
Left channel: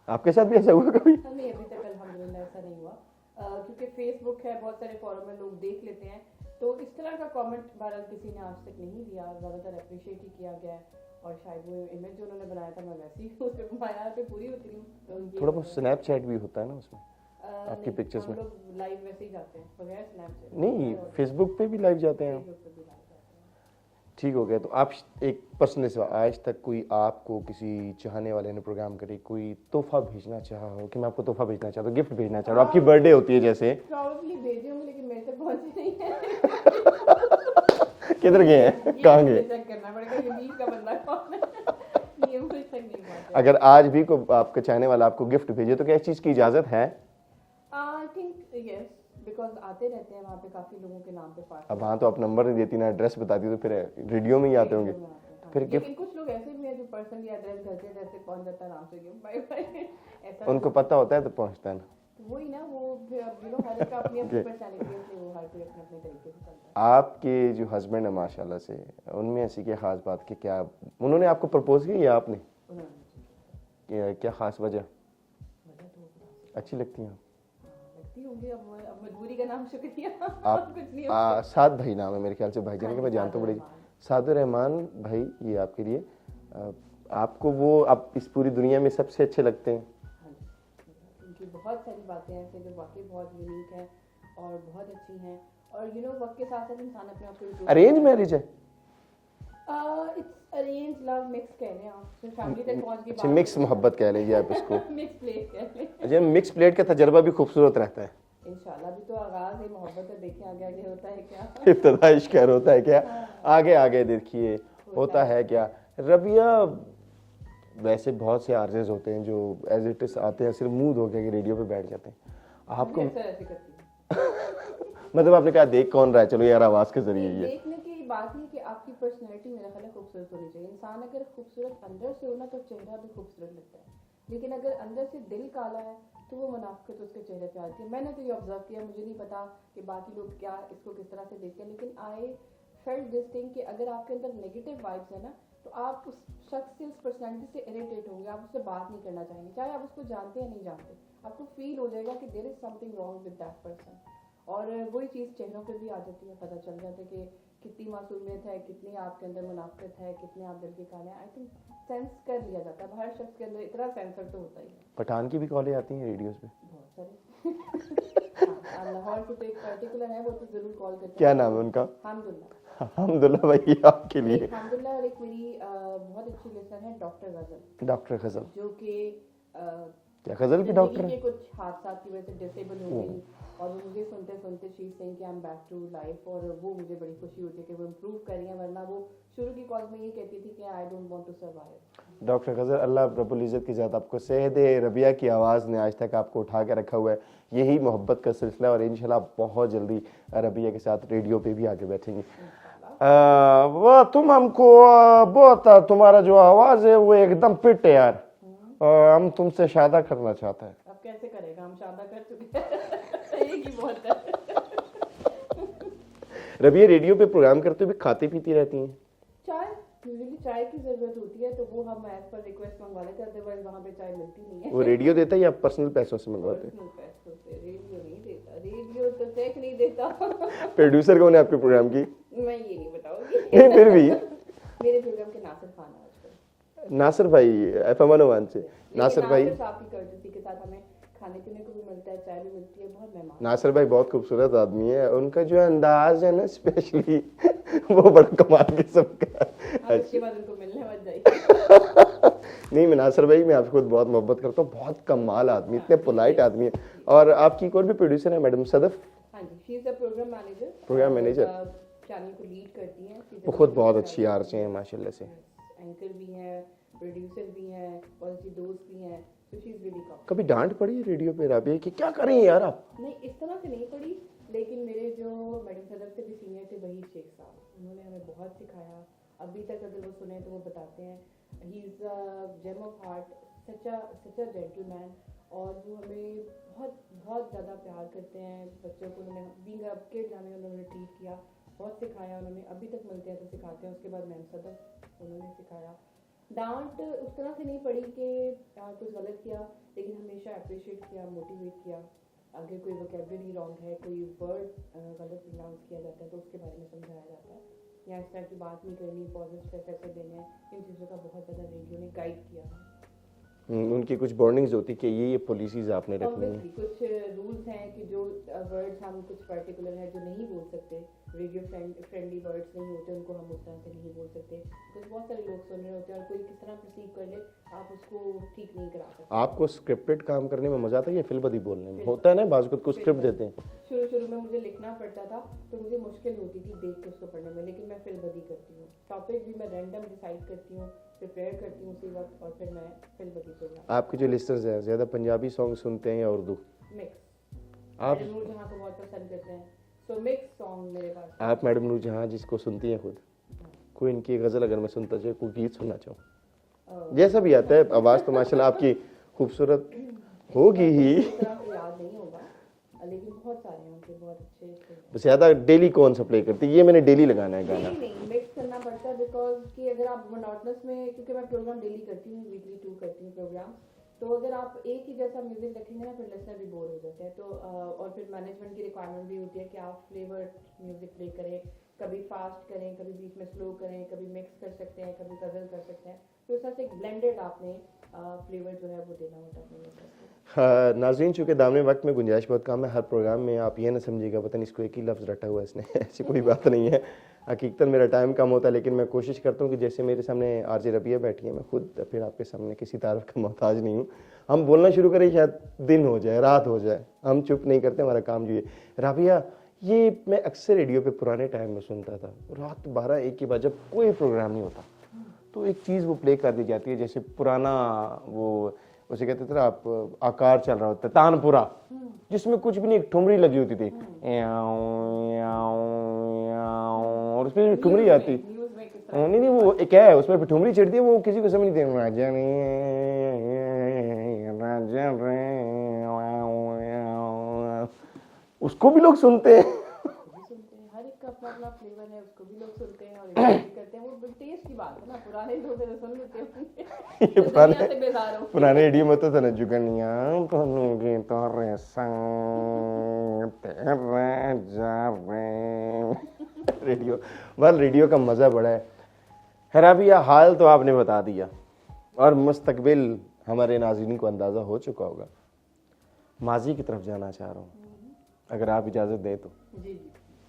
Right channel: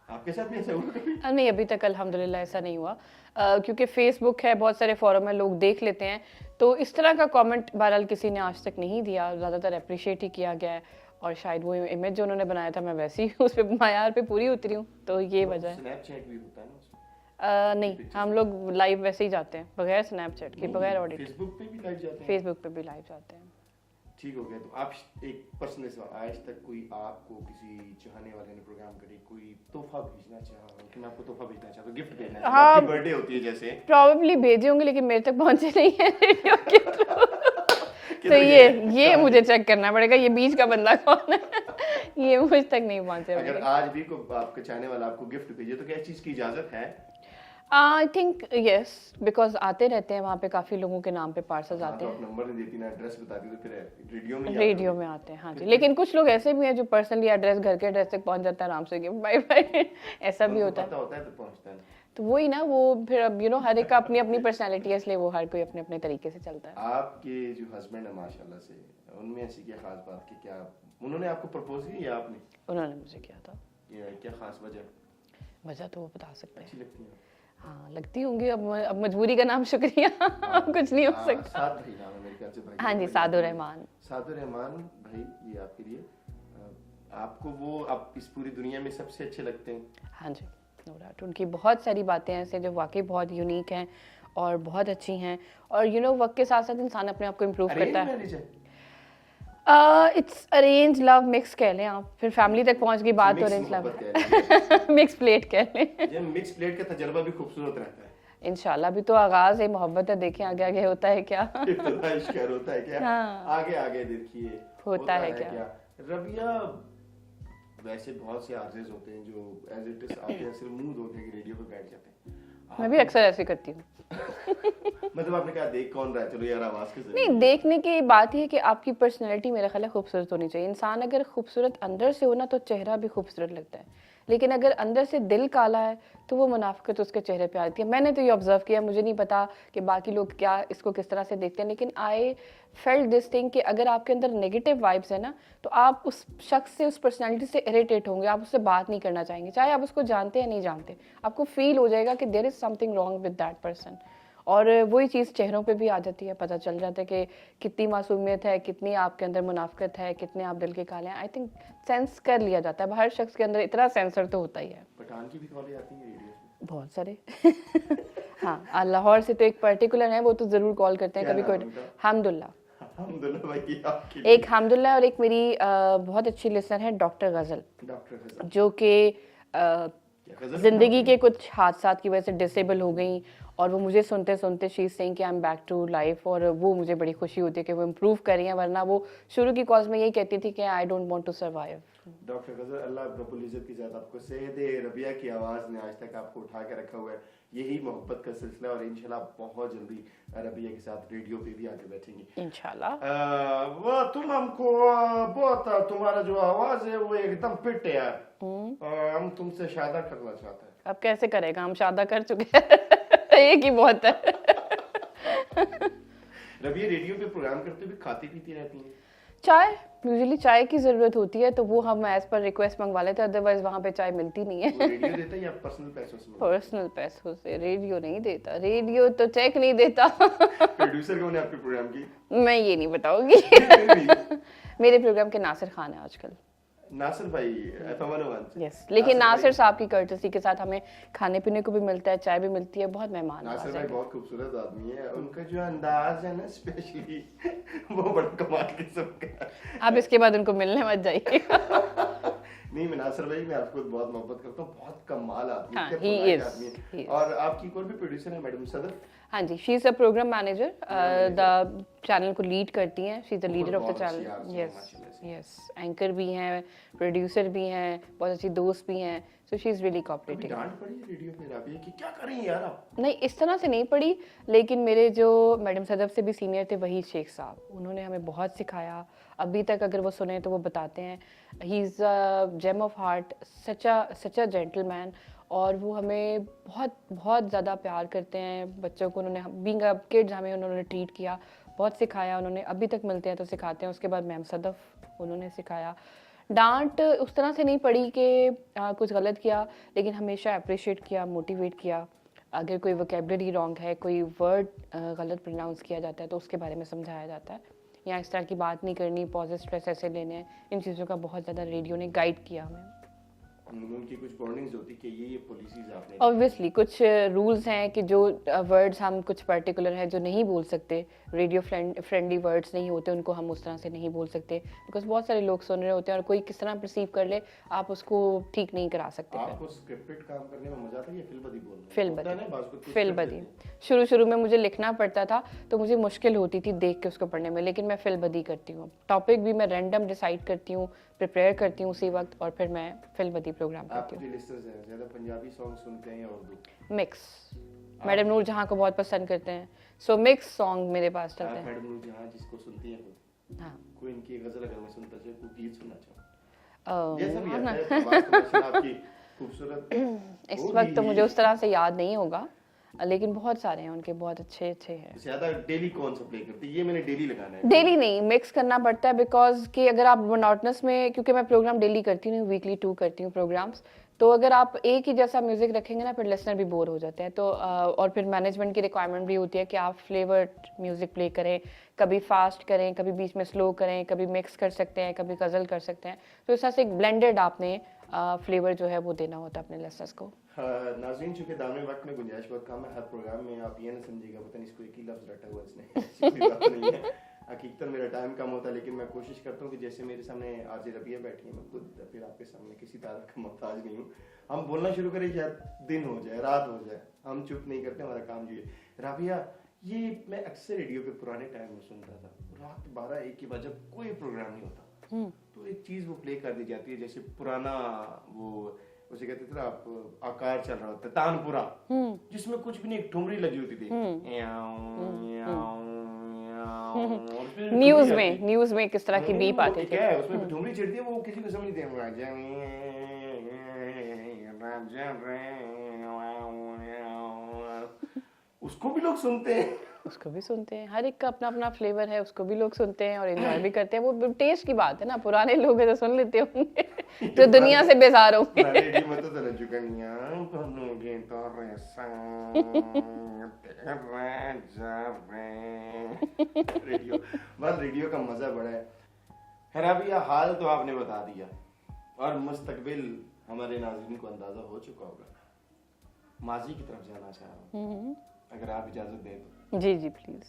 आपके साथ भी ऐसा हुआ कभी? नहीं, अभी तक अल्हम्दुलिल्लाह ऐसा नहीं हुआ, क्योंकि फेसबुक है, बहुत सारे फोरम में लोग देख लेते हैं, तो इस तरह का कमेंट बहरहाल किसी ने आज तक नहीं दिया, ज़्यादातर अप्रिशिएट ही किया गया है, और शायद वो इमेज जो उन्होंने बनाया था मैं वैसे ही उस पर मायार पे पूरी उतरी हूँ, तो ये वजह है। स्नैपचैट भी होता है ना उसमें? नहीं, हम लोग लाइव वैसे ही जाते हैं, बगैर स्नैपचैट के, बगैर ऑडिट। फेसबुक पे भी लाइव जाते हैं? फेसबुक पे भी लाइव जाते हैं। ठीक हो गया। तो आप एक पर्सनल सवाल, आज तक कोई आपको किसी चाहने वाले ने प्रोग्राम करे कोई तोहफा भेजना चाहा हो कि मैं आपको तोहफा भेजना चाहता हूँ, गिफ्ट भेजना चाहता हूँ, आपकी बर्थडे होती है जैसे? प्रॉब्ली भेजे होंगे, लेकिन मेरे तक पहुंचे नहीं है रेडियो के थ्रू। तो गए? ये मुझे चेक करना पड़ेगा, ये बीच का बंदा कौन है। ये मुझ तक नहीं पहुंचे। अगर आज भी को आपका चाहने वाला आपको गिफ्ट भेजे तो क्या इस चीज की इजाजत है? आई थिंक यस, बिकॉज आते रहते हैं वहाँ पे काफी लोगों के नाम पे पार्सल हाँ, तो आप नंबर नहीं देती ना एड्रेस बताती, तो फिर रेडियो में ही आते रेडियो में आते हैं। हाँ जी, लेकिन कुछ लोग ऐसे भी हैं जो पर्सनली एड्रेस, घर के एड्रेस तक पहुंच जाता है आराम से, गिफ्ट बाय बाय ऐसा भी उनको होता पता होता है तो पहुंचता है। तो वही ना, वो फिर अब हर एक का अपनी अपनी पर्सनैलिटी है, इसलिए वो हर कोई अपने अपने तरीके से चलता है। आपके जो हस्बैंड है माशाल्लाह से, उनमें ऐसी क्या खास बात कि क्या उन्होंने आपको प्रपोज किया या आपने? उन्होंने मुझे किया था। क्या खास वजह? वजह तो वो बता सकते हैं। अच्छी लगती हैं? हाँ, लगती होंगी। अब मजबूरी का नाम शुक्रिया। कुछ नहीं हो सकता। साद भाई नाम है मेरे ख्याल से भाई का। हाँ जी, सादुर रहमान। सादुर रहमान भाई, ये आपके लिए, आपको वो आप इस पूरी दुनिया में सबसे अच्छे लगते हैं? हाँ जी, नो डाउट। उनकी बहुत सारी बातें ऐसे जो वाकई बहुत यूनिक हैं और बहुत अच्छी हैं, और वक्त के साथ साथ इंसान अपने आप को इम्प्रूव करता है। अरेंज मैरिज है? इट्स अरेंज लव मिक्स कह लें आप, फिर फैमिली तक पहुंच गई बात। मिक्स मोहब्बत कह लीजिए। मिक्स प्लेट कह लें। ये मिक्स प्लेट का तजर्बा भी खूबसूरत रहता है। इंशाल्लाह। भी तो आगाज है, मोहब्बत है, देखें आगे आगे होता है क्या। इब्तिदा इश्क होता है क्या? हाँ। आगे आगे देखिए होता है क्या। रबिया, वैसे बहुत से आरजेस होते हैं जो एज इट इज आते हैं, सिर्फ मुंह धो के रेडियो पे बैठ जाते हैं। मैं भी अक्सर ऐसे करती हूँ। मतलब आपने कहा देख कौन रहा है, चलो यार आवाज के जरिए। नहीं, देखने की बात ही है कि आपकी पर्सनैलिटी मेरा ख्याल है खूबसूरत होनी चाहिए। इंसान अगर खूबसूरत अंदर से हो ना, तो चेहरा भी खूबसूरत लगता है, लेकिन अगर अंदर से दिल काला है तो वो मुनाफिकत उसके चेहरे पे आती है। मैंने तो ये ऑब्जर्व किया, मुझे नहीं पता कि बाकी लोग क्या इसको किस तरह से देखते हैं, लेकिन आई फेल्ट दिस थिंग कि अगर आपके अंदर नेगेटिव वाइब्स है ना, तो आप उस शख्स से, उस पर्सनैलिटी से इरिटेट होंगे, आप उससे बात नहीं करना चाहेंगे, चाहे आप उसको जानते या नहीं जानते। आपको फील हो जाएगा कि there is something wrong with that person. और वही चीज़ चेहरों पे भी आ जाती है, पता चल जाता है कि कितनी मासूमियत है, कितनी आपके अंदर मुनाफिकत है, कितने आप दिल के काले हैं। आई थिंक सेंस कर लिया जाता है, हर शख्स के अंदर इतना सेंसर तो होता ही है। पठान की भी कॉलें आती हैं रेडियो पे? बहुत सारे। हाँ, लाहौर से तो एक पर्टिकुलर है, वो तो जरूर कॉल करते हैं। क्या नाम है उनका? हमदुल्ला। हमदुल्ला भाई आपके लिए। एक हमदुल्ला और एक मेरी बहुत अच्छी लिसनर है डॉक्टर गजल। डॉक्टर गजल जो कि जिंदगी के कुछ हादसा की वजह से डिसेबल हो गई, और वो मुझे सुनते सुनते शी इज सेइंग कि I am back to life, और वो मुझे बड़ी खुशी होती है कि वो इम्प्रूव कर रही हैं, वरना वो शुरू की कॉल्स में यही कहती थी कि I don't want to survive. Doctor Ghazal, Allah रब्बुल इज़्ज़त की ज़ात आपको सेहत दे। रबिया की आवाज़ ने आज तक आपको उठा के रखा हुआ है, यही मोहब्बत का सिलसिला, और इंशाल्लाह बहुत जल्दी रबिया के साथ रेडियो पे भी आगे बैठेंगे इंशाल्लाह। वो तुम हमको बहुत, तुम्हारा जो आवाज़ है वो एकदम फिट है यार, हम तुमसे शादा करना चाहते हैं। अब कैसे करेगा, हम शादा कर चुके हैं। एक ही बहुत है। रबिया रेडियो पे प्रोग्राम करते हुए खाती पीती रहती हैं? चाय, यूजुअली चाय की जरूरत होती है, तो वो हम एज पर रिक्वेस्ट मंगवा लेते हैं, अदरवाइज वहाँ पे चाय मिलती नहीं है। वो रेडियो देता है या पर्सनल पैसों से मंगवाते हैं? पर्सनल पैसों से। रेडियो नहीं देता, रेडियो तो चेक नहीं देता। प्रोड्यूसर कौन है आपके प्रोग्राम की? मैं ये नहीं बताऊंगी। फिर भी मेरे प्रोग्राम के नासिर खान है आजकल। नासिर भाई FM 101 से। लेकिन नासिर साहब की कर्टसी के साथ हमें खाने पीने को भी मिलता है, चाय भी मिलती है, बहुत मेहमान। नासिर भाई बहुत खूबसूरत आदमी है, उनका जो अंदाज है ना स्पेशली वो बड़ा कमाल किस्म का। आप इसके बाद उनको मिलने मत जाइए। नहीं, मैं नासिर भाई, मैं आपको बहुत मोहब्बत करता हूँ, बहुत कमाल आदमी, इतने पोलाइट आदमी है। और आपकी एक और भी प्रोड्यूसर है मैडम सदफ। हाँ जी, she is a program manager, channel को लीड करती हैं। She is the leader of the channel. बहुत अच्छी आरजे हैं माशाल्लाह से। यस, एंकर भी हैं, प्रोड्यूसर भी हैं, बहुत अच्छी दोस्त भी हैं, so she is really cooperative. कभी डांट पड़ी है रेडियो पे रबिया कि क्या करें यार आप? नहीं, इस तरह से नहीं पड़ी, लेकिन मेरे जो मैडम सदफ से भी सीनियर थे, वही शेख साहब, उन्होंने हमें बहुत सिखाया। अभी तक अगर वो सुने तो वो बताते हैं he is a gem of heart, such a gentleman. और वो हमें बहुत बहुत ज़्यादा प्यार करते हैं। बच्चों को उन्होंने बीइंग अ किड्स हमें उन्होंने ट्रीट किया, बहुत सिखाया उन्होंने। अभी तक मिलते हैं तो सिखाते हैं। उसके बाद मैम सदफ उन्होंने सिखाया। डांट उस तरह से नहीं पड़ी कि कुछ गलत किया, लेकिन हमेशा अप्रिशिएट किया, मोटिवेट किया। अगर कोई वोकेबलरी रॉन्ग है, कोई वर्ड गलत प्रोनाउंस किया जाता है तो उसके बारे में समझाया जाता है, या इस तरह की बात नहीं करनी, पॉजेस स्ट्रेस ऐसे लेने हैं। इन चीज़ों का बहुत ज़्यादा रेडियो ने गाइड किया हमें। उनकी कुछ वार्निंग्स होती कि ये पॉलिसीज आपने रखी हैं। ऑब्वियसली कुछ रूल्स हैं कि जो वर्ड्स हम कुछ पर्टिकुलर है जो नहीं बोल सकते, रेडियो फ्रेंडली वर्ड्स नहीं होते, उनको हम उस तरह से नहीं बोल सकते, बिकॉज बहुत सारे लोग सुन रहे होते हैं और कोई किस तरह परसीव कर ले आप उसको ठीक नहीं करा सकते। आपको स्क्रिप्टेड काम करने में मजा आता है या फिल्बदी बोलने में? फिल्बदी। होता है ना, बाज़ कुछ स्क्रिप्ट देते हैं। शुरू में मुझे लिखना पड़ता था तो मुझे मुश्किल होती थी देख के उसको पढ़ने में, लेकिन मैं फिल्बदी करती हूँ। टॉपिक भी मैं रैंडम डिसाइड करती हूँ, प्रिपेयर करती हूँ उसी वक्त, और फिर मैं फिल्बदी प्रोग्राम। आपके जो लिस्टर्स हैं ज्यादा पंजाबी सॉन्ग सुनते हैं या उर्दू? मिक्स। मैडम नूर जहाँ को बहुत पसंद करते हैं, सो मिक्स सॉन्ग मेरे पास था। आप मैडम नूर जहाँ जिसको सुनती हैं खुद? हाँ। कोई इनकी गजल अगर मैं सुनता चाहे, कोई गीत सुनना चाहूँ, जैसा भी आता है, आवाज तो माशाल्लाह आपकी खूबसूरत इस होगी वक्त तो ही। मुझे उस तरह से याद नहीं होगा, लेकिन बहुत सारे हैं उनके, बहुत अच्छे हैं। ज्यादा डेली कौन सा प्ले करती है? ये मैंने डेली लगाना है। डेली नहीं, मिक्स करना पड़ता है, बिकॉज कि अगर आप मोनोटनस में, क्योंकि मैं प्रोग्राम डेली करती हूँ, वीकली 2 करती हूँ प्रोग्राम्स, तो अगर आप एक ही जैसा म्यूजिक रखेंगे ना, फिर लिसनर भी बोर हो जाते हैं। तो और फिर मैनेजमेंट की रिक्वायरमेंट भी होती है कि आप फ्लेवर्ड म्यूजिक प्ले करें, कभी फास्ट करें, कभी बीच में स्लो करें, कभी मिक्स कर सकते हैं, कभी गजल कर सकते हैं। तो इस तरह से एक ब्लेंडेड आपने फ्लेवर जो है वो देना होता है अपने लिसनर्स को। हाँ, नाज़रीन, चूंकि दामने वक्त में गुंजाइश बहुत कम है, हर प्रोग्राम में आप ये ना समझिएगा पता नहीं इसको एक ही लफ्ज़ रटा हुआ है इसने ऐसी कोई बात नहीं है। हकीकतन मेरा टाइम कम होता है, लेकिन मैं कोशिश करता हूँ कि जैसे मेरे सामने आरजे रबिया बैठी है, मैं खुद फिर आपके सामने किसी तारीफ का मोहताज नहीं हूँ। हम बोलना शुरू करें, शायद दिन हो जाए, रात हो जाए, हम चुप नहीं करते, हमारा काम जो है। रबिया, ये मैं अक्सर रेडियो पे पुराने टाइम में सुनता था, रात 12-1 के बाद जब कोई प्रोग्राम नहीं होता तो एक चीज़ वो प्ले कर दी जाती है, जैसे पुराना वो उसे कहते थे ना आप, आकार चल रहा होता है, तानपुरा, जिसमें कुछ भी नहीं, एक ठुमरी लगी होती थी, और उसमें न्यूज़ में किस तरह की बीप आती है, क्या है उसमें ठुमरी चढ़ती है, वो किसी को समझ नहीं उसको भी लोग सुनते हैं। उसको भी सुनते हैं, हर एक का अपना अपना फ्लेवर है, उसको भी लोग सुनते हैं और एंजॉय भी करते हैं। वो टेस्ट की बात है ना, पुराने लोग हैं तो सुन लेते होंगे जो दुनिया से बेजार हो। पुराने रेडियो में तो था जुगनिया बनूंगी तो रे संग तेरे जा रे रेडियो। वाल रेडियो का मजा बड़ा है। रबिया, हाल तो आपने बता दिया और मुस्तकबिल हमारे नाज़रीन को अंदाजा हो चुका होगा। माजी की तरफ जाना चाह रहा हूँ, अगर आप इजाजत दें तो। जी जी प्लीज।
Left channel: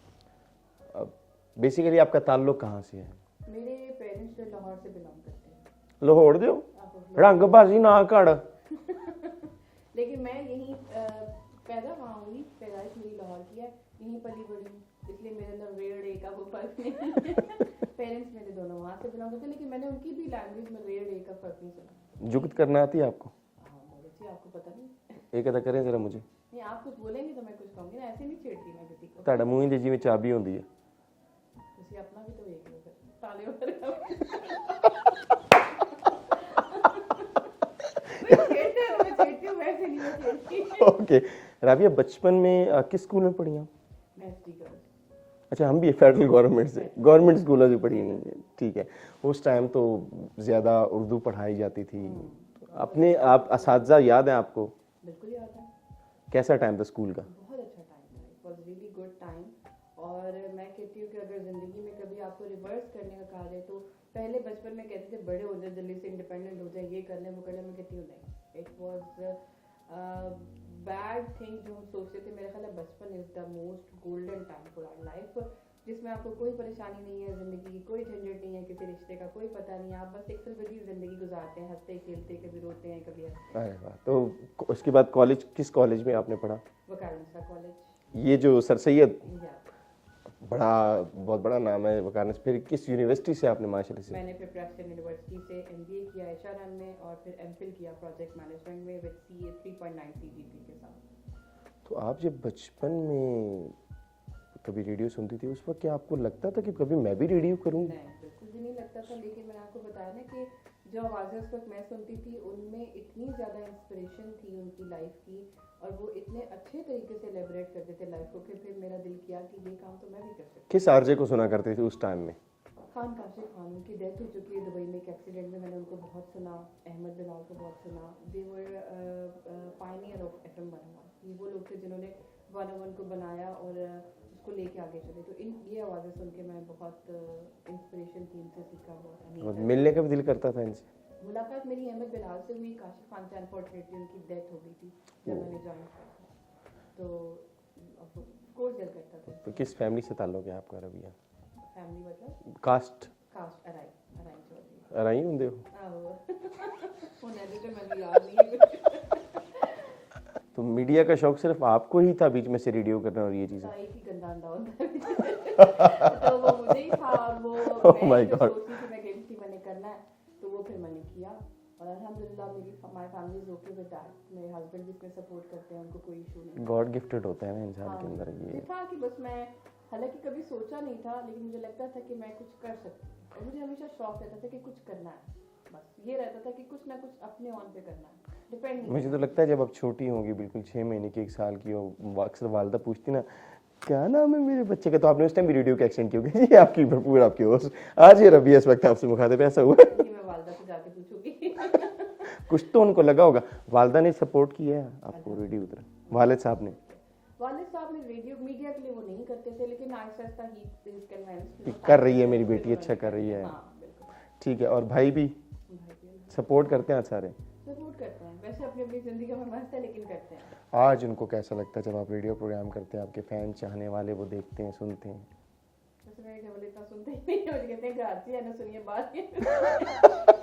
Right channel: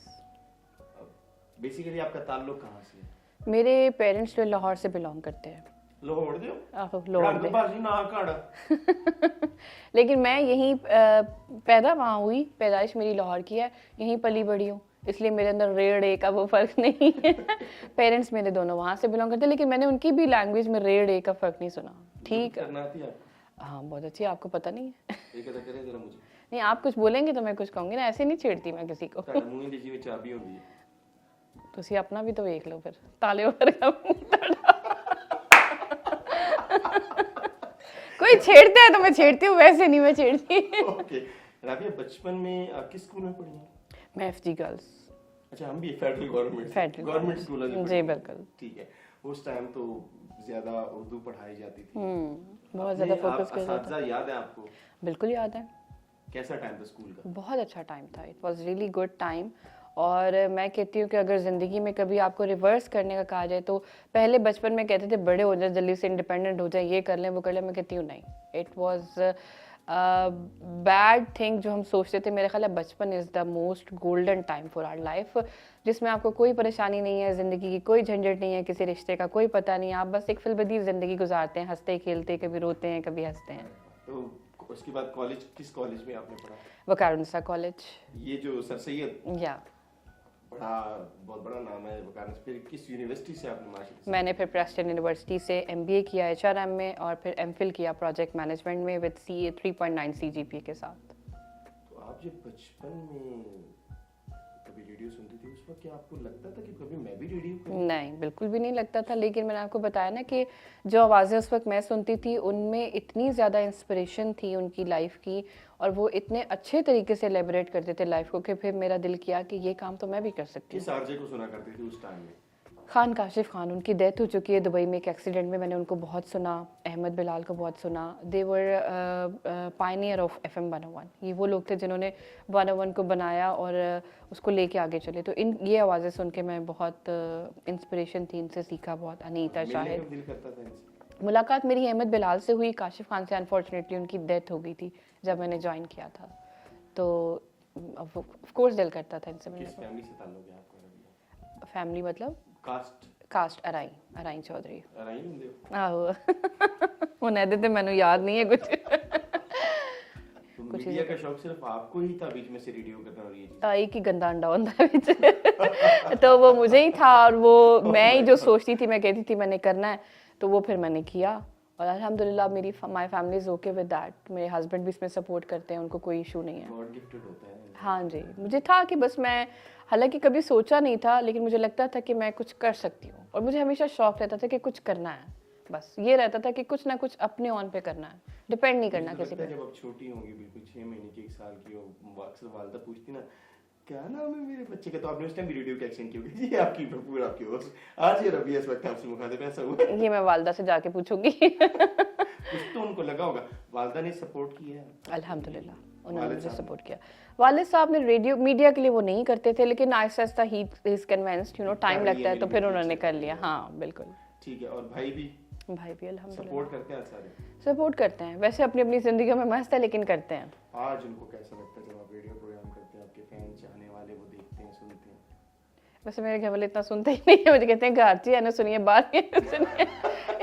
बेसिकली आपका ताल्लुक कहाँ से है? मेरे पेरेंट्स जो लाहौर से बिलोंग करते हैं। लाहौर दो लाहौर रंग बाजी ना कर लेकिन मैं यहीं पैदा वहाँ हुई, पैदाइश मेरी लाहौर की है, यहीं पली बड़ी हूँ, इसलिए मेरे अंदर रेड ए का वो फर्क नहीं है। पेरेंट्स मेरे दोनों वहाँ से बिलोंग करते हैं, लेकिन मैंने उनकी भी लैंग्वेज में रेड ए का फर्क नहीं सुना। ठीक करना आती है आपको? हाँ बहुत अच्छी, आपको पता नहीं है? एक अदा करें जरा मुझे। नहीं, आप कुछ बोलेंगे तो मैं कुछ कहूँगी ना, ऐसे नहीं छेड़ती मैं किसी को। ਤੁਹਾਡਾ ਮੂੰਹ ਦੀ ਜਿਵੇਂ ਚਾਬੀ ਹੁੰਦੀ ਹੈ। ਤੁਸੀਂ ਆਪਣਾ ਵੀ ਤਾਂ ਵੇਖ ਲਓ ਫਿਰ, ਤਾਲੇ ਵਰਗਾ कोई छेड़ता है तो मैं छेड़ती हूँ, वैसे नहीं मैं छेड़ती। ओके राबिया, बचपन में किस स्कूल में पढ़ी आप? मैं एफजी गर्ल्स। अच्छा, हम भी फेडरल गवर्नमेंट स्कूल में पढ़ी। ठीक है, उस टाइम तो ज्यादा उर्दू पढ़ाई जाती थी। अपने आप असातिज़ा याद है आपको? बिल्कुल याद है। कैसा टाइम था स्कूल का? बहुत अच्छा टाइम था, it was really good time. और मैं कहती हूँ कि अगर ज़िंदगी में कभी आपको रिवर्स करने का कहा जाए तो पहले बचपन में कहते थे बड़े हो जाए, जल्दी से इंडिपेंडेंट हो जाए, ये कर लें वो कर लें। मैं कहती हूँ नहीं, इट वाज बैड थिंग जो हम सोचते थे। मेरा ख्याल है बचपन is the most golden time for our life, जिसमें आपको कोई परेशानी नहीं है, ज़िंदगी की कोई झंझट नहीं है, किसी रिश्ते का कोई पता नहीं, आप बस एक फिलबदी ज़िंदगी गुजारते हैं, हंसते खेलते, कभी रोते हैं कभी हंसते हैं। तो उसके बाद कॉलेज, किस कॉलेज में आपने पढ़ा? वकारुनिसा कॉलेज। ये जो सर सैयद, या बहुत बड़ा नाम है वकारुनिसा। फिर किस यूनिवर्सिटी से आपने माशाल्लाह से? मैंने फिर प्रेस्टन यूनिवर्सिटी से एमबीए किया एचआरएम में, और फिर एमफिल किया प्रोजेक्ट मैनेजमेंट में विद सीए 3.9 सीजीपीए के साथ। तो आप जब बचपन में कभी रेडियो सुनती थी, उस वक्त क्या आपको लगता था कि कभी मैं भी रेडियो करूँ? नहीं, बिल्कुल भी नहीं लगता था, लेकिन मैंने आपको बताया ना कि जो आवाज़ें उस वक्त मैं सुनती थी उनमें इतनी ज़्यादा इंस्पिरेशन थी उनकी लाइफ की, और वो इतने अच्छे तरीके से एलेबोरेट करते थे लाइफ को कि फिर मेरा दिल किया कि ये काम तो मैं भी कर सकती किस आरजे को सुना करते थे उस टाइम में? हूँ। खान काशिफ खान, उनकी डेथ हो चुकी है दुबई में एक एक्सीडेंट में, मैंने उनको बहुत सुना। अहमद बिलाल को बहुत सुना। दे वर पायनियर ऑफ FM 101। ये वो लोग थे जिन्होंने 101 को बनाया और उसको लेके आगे चले। तो इन ये आवाज़ें सुन के मैं बहुत इंस्पिरेशन थी, इनसे सीखा बहुत। अनीता मिलने का शाहिद, भी दिल करता था इनसे? मुलाकात मेरी अहमद बिलाल से हुई, काशिफ खान से अनफॉर्चुनेटली उनकी डेथ हो गई थी जब मैंने ज्वाइन किया था। तो ऑफ कोर्स दिल करता था इनसे। किस फैमिली से ताल्लुक है आपका रबिया? फैमिली मतलब कास्ट अराई चौधरी। अराई ਹੁੰਦੇ ਹੋ? आहो उन्हें देते मैंने याद नहीं है कुछ। तो मीडिया का शौक सिर्फ आपको ही था बीच में से रेडियो करना और ये चीज़? ताई की गंदा अंडा होता है बीच। तो वो मुझे ही था, और वो मैं ही जो सोचती थी, मैं कहती थी मैंने करना है, तो वो फिर मैंने किया। और अल्हम्दुलिल्लाह मेरी my family is okay with that. मेरे हस्बैंड भी इसमें सपोर्ट करते हैं, उनको कोई इशू नहीं है। गॉड गिफ्टेड होता है ना इंसान। हाँ जी, मुझे था कि बस मैं, हालांकि कभी सोचा नहीं था, लेकिन मुझे लगता था कि मैं कुछ कर सकती हूँ, और मुझे हमेशा शौक रहता था कि कुछ करना है। बस ये रहता था कि कुछ ना कुछ अपने ऑन पे करना है, डिपेंड नहीं करना। मुझे तो लगता है जब आप छोटी होंगी, बिल्कुल 6 महीने की, 1 साल की हो, अक्सर वालदा पूछती ना क्या नाम है मेरे बच्चे का, तो आपने उस टाइम भी रेडियो का एक्सेंट क्यों किया? ये आपकी भरपूर आपकी होश। आज ये रबिया इस वक्त आपसे मुखातिब, ऐसा हुआ? ये मैं वालदा से जाके पूछूंगी। कुछ तो उनको लगा होगा। वालदा ने सपोर्ट किया है अल्हम्दुलिल्लाह, वालिद साहब ने सपोर्ट किया। वालिद साहब ने रेडियो मीडिया के लिए वो नहीं करते थे, लेकिन Aahista Aahista he is convinced, you know, time लगता है, तो फिर उन्होंने कर लिया। हाँ बिल्कुल, ठीक है। और भाई भी अल्हम्दुलिल्लाह सपोर्ट करते हैं? सारे सपोर्ट करते हैं, वैसे अपनी अपनी जिंदगी में मस्त है, लेकिन करते हैं। आज उनको कैसा लगता है जब आप रेडियो प्रोग्राम करते हैं, आपके फैन चाहने वाले वो देखते हैं, सुनते हैं? वैसे मेरे घर वाले इतना सुनते ही नहीं है, मुझे कहते हैं घाटी है ना, सुनिए बात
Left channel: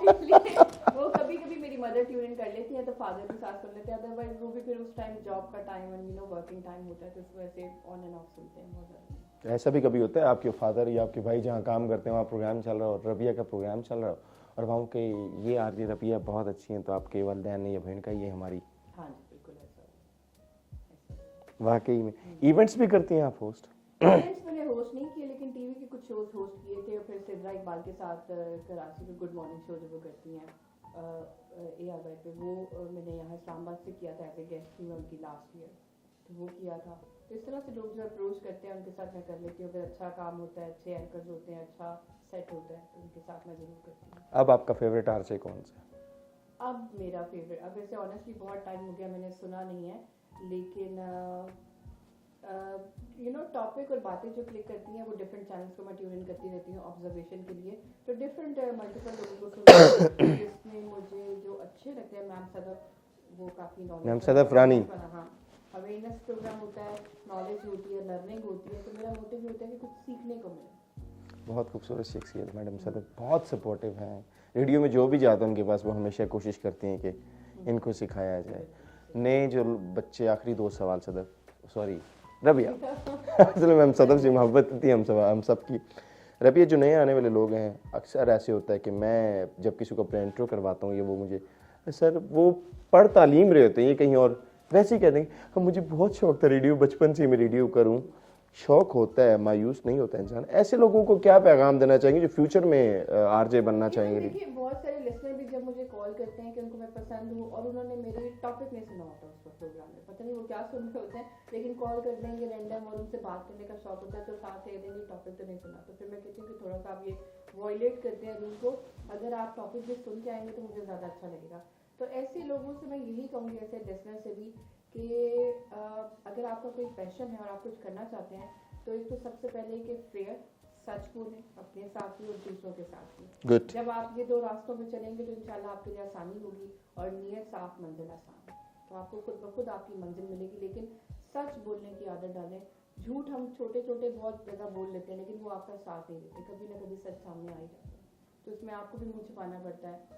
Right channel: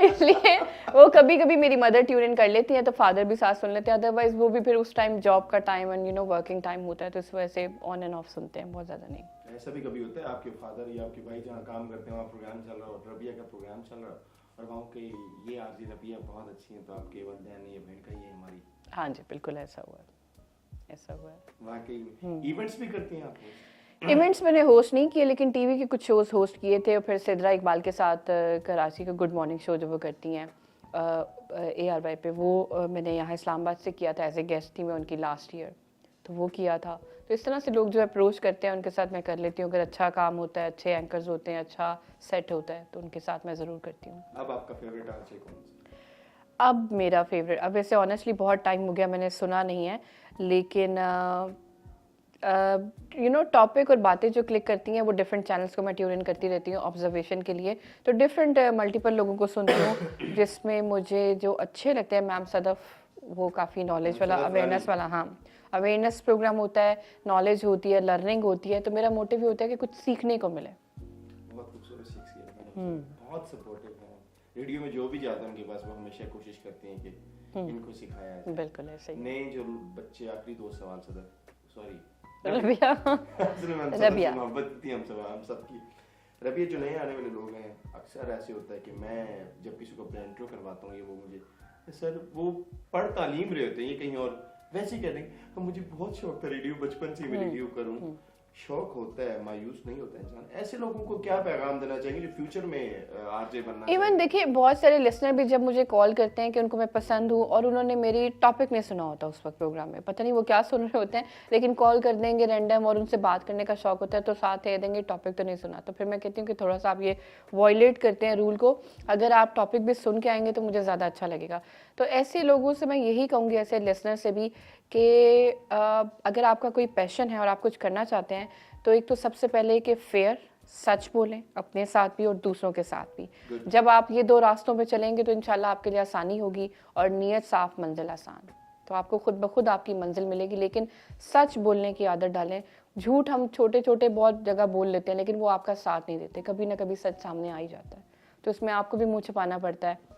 इसलिए वो कभी कभी मेरी मदर ट्यून इन कर लेती है, तो फादर भी साथ सुन लेते हैं, अदरवाइज वो भी फिर उस टाइम जॉब का time and you know working time होता है, तो इस वजह से ऑन एंड ऑफ सुनते हैं, बहुत ज़्यादा नहीं। ऐसा भी कभी होता है आपके फादर या आपके भाई जहाँ काम करते हैं वहाँ प्रोग्राम चल रहा हो, रबिया का प्रोग्राम चल रहा हो, और वहाँ के ये आरजे रबिया बहुत अच्छी हैं, तो आपके वालिदैन ने या बहन का ये हमारी? हाँ जी बिल्कुल, ऐसा हुआ, ऐसा हुआ। वाकई में इवेंट्स भी करती हैं आप होस्ट? इवेंट्स मैंने होस्ट नहीं किए, लेकिन टीवी के कुछ शोज होस्ट किए थे, और फिर सिद्रा इकबाल के साथ कराची का गुड मॉर्निंग शो जो वो करती हैं ARY पे, वो मैंने यहाँ इस्लामाबाद से किया था, एज ए गेस्ट थी मैं उनकी लास्ट ईयर, तो वो किया था। तो इस तरह से लोग जो अप्रोच करते हैं उनके साथ मैं कर लेती हूँ, अगर अच्छा काम होता है, अच्छे एंकर्स होते हैं, अच्छा सेट होता है, तो उनके साथ मैं ज़रूर करती हूँ। अब आपका फेवरेट आरजे कौन सा? अब मेरा फेवरेट, अब वैसे ऑनेस्टली बहुत टाइम हो गया, मैंने सुना नहीं है, लेकिन यू नो टॉपिक और बातें जो क्लिक करती हैं वो डिफरेंट चैनल्स को मैं ट्यून इन करती रहती हूँ ऑब्जर्वेशन के लिए, तो डिफरेंट मल्टीपल लोगों को सुनती हूँ, जिसमें मुझे जो अच्छे लगते हैं, मैम सदफ, वो काफ़ी नॉलेज वाला, अवेयरनेस वाला, हाँ अवेयरनेस प्रोग्राम होता है, नॉलेज होती है, लर्निंग होती है, तो मेरा मोटिव ये होता है कि कुछ सीखने को मिले। बहुत खूबसूरत शख्सियत मैडम सदफ, बहुत सपोर्टिव हैं। रेडियो में जो भी जाते हैं उनके पास वो हमेशा कोशिश करती हैं कि इनको सिखाया जाए। बिल्कुल ऐसे ही। नए जो बच्चे, आखिरी 2 सवाल सदफ, सॉरी रबिया, रबिया। असल में हम सदफ से मोहब्बत थी हम सब की। रबिया, जो नए आने वाले लोग हैं, अक्सर ऐसे होता है कि मैं जब किसी को अपना इंट्रो करवाता हूँ, ये वो मुझे सर वो पढ़ तालीम रहे होते हैं, ये कहीं और वैसे ही कहते हैं कि मुझे बहुत शौक था रेडियो, बचपन से मैं रेडियो करूँ। शौक होता है, मायूस नहीं होता इंसान। ऐसे लोगों को क्या पैगाम देना चाहेंगे जो फ्यूचर में आरजे बनना चाहेंगे? इवन देखिए, बहुत सारे लिसनर भी जब मुझे कॉल करते हैं कि उनको मैं पसंद हूँ और उन्होंने मेरी टॉपिक नहीं सुना होता उस वक्त प्रोग्राम में, पता नहीं वो क्या सुन रहे होते हैं, लेकिन कॉल कर देंगे रैंडम और उनसे बात करने का शौक होता है, तो साथ कह देंगे टॉपिक तो नहीं सुना, तो फिर मैं कहती हूँ कि थोड़ा सा आप ये वॉयलेट करते हैं रूल को, अगर आप टॉपिक भी सुन के आएंगे तो मुझे ज़्यादा अच्छा लगेगा। तो ऐसे लोगों से मैं यही कहूँगी, ऐसे लिसनर से भी, कि अगर आपका कोई पैशन है और आप कुछ करना चाहते हैं, तो एक तो सबसे पहले कि फेयर, सच बोलें अपने साथ भी और दूसरों के साथ भी। Good. जब आप ये 2 रास्तों पे चलेंगे तो इंशाल्लाह आपके लिए आसानी होगी, और नीयत साफ मंजिल आसान, तो आपको खुद ब खुद आपकी मंजिल मिलेगी। लेकिन सच बोलने की आदत डालें। झूठ हम छोटे छोटे बहुत जगह बोल लेते हैं, लेकिन वो आपका साथ नहीं देते, कभी ना कभी सच सामने आ ही जाता है, तो इसमें आपको भी मुंह छुपाना पड़ता है,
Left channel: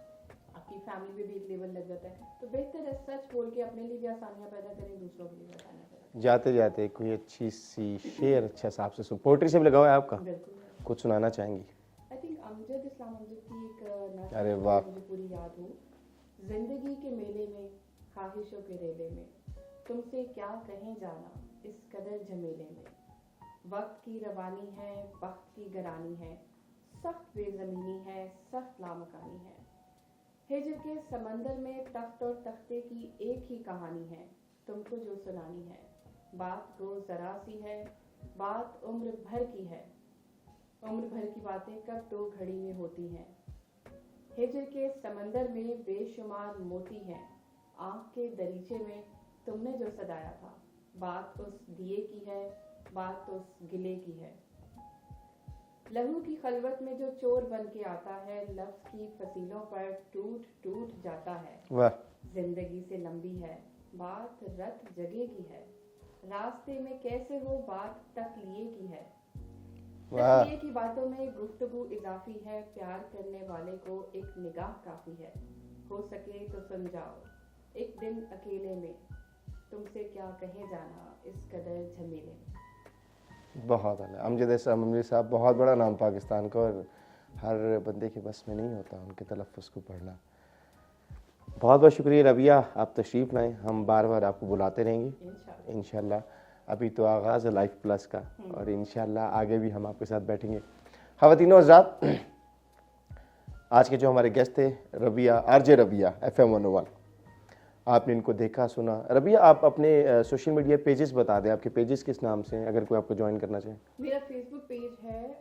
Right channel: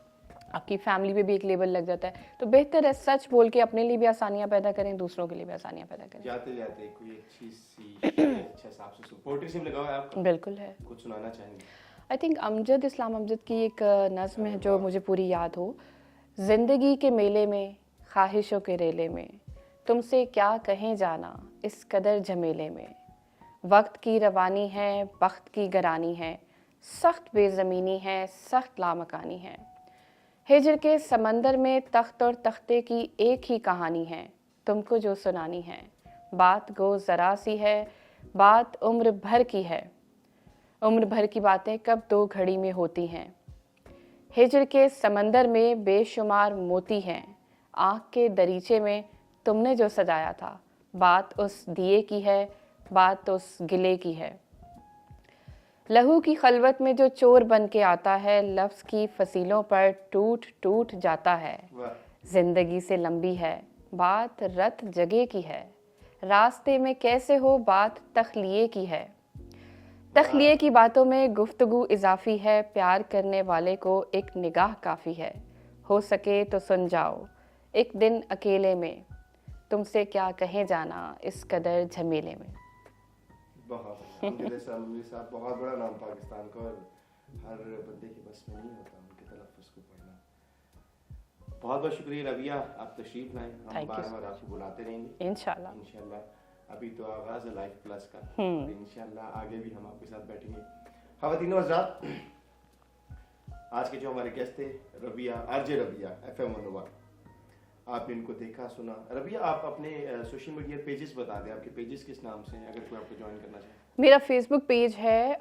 आपकी फैमिली पे भी एक लेबल लग जाता है, तो बेहतर है सच बोल के अपने लिए भी आसानियां पैदा करें, दूसरों के लिए भी आसानियां पैदा करें। जाते जाते कोई अच्छी सी शेर अच्छा सा आपसे पोएट्री से भी लगा हुआ है आपका? बिल्कुल है, कुछ सुनाना चाहेंगे? आई थिंक अमजद इस्लाम अमजद की एक नज़्म है जो मुझे पूरी याद हो। जिंदगी के मेले में, ख्वाहिशों के रेले में, तुमसे क्या कहें जाना इस कदर झमेले में, वक्त की रवानी है, वक्त की गरानी है, सख्त बेज़मीनी है, सख्त लामकानी है। हिजर के समंदर में तख्त और तख्ते की एक ही कहानी है, तुमको जो सुनानी है। बात गो ज़रा सी है, बात उम्र भर की है, उम्र भर की बातें कब दो घड़ी में होती हैं। हिजर के समंदर में बेशुमार मोती हैं, आँख के दरीचे में तुमने जो सजाया था। बात उस दिए की है, बात उस गिले की है। लहू की खलवत में जो चोर बन के आता है, लफ्ज़ की फसीलों पर टूट टूट जाता है। वाह, जिंदगी से लंबी है, बात रत जगह की है। रास्ते में कैसे हो, बात तख्लिए की है। तख्लिए की बातों में गुफ्तगू इजाफी है, प्यार करने वाले को एक निगाह काफ़ी है। हो सके तो सुन जाओ एक दिन अकेले में, तुमसे क्या कहे जाना इस कदर झमेले में। बहुत आला। अमजद अमजद साहब, बहुत बड़ा नाम पाकिस्तान का, और हर बंदे के बस में नहीं होता उनके तलफ़्फ़ुज़ को पढ़ना। बहुत बहुत शुक्रिया रबिया, आप तशरीफ़ लाएँ, हम बार बार आपको बुलाते रहेंगे इंशाल्लाह। इंशाल्लाह। अभी तो आगाज़ है लाइफ प्लस का, और इंशाल्लाह आगे भी हम आपके साथ बैठेंगे। ख़वातीन और हज़रात, आज के जो हमारे गेस्ट थे रबिया, आरजे रबिया, FM 101। आपने इनको देखा सुना। रबिया, आप अपने सोशल मीडिया पेजेस बता दें, आपके पेजेस किस नाम से हैं, अगर कोई आपको ज्वाइन करना चाहे। मेरा फेसबुक पेज है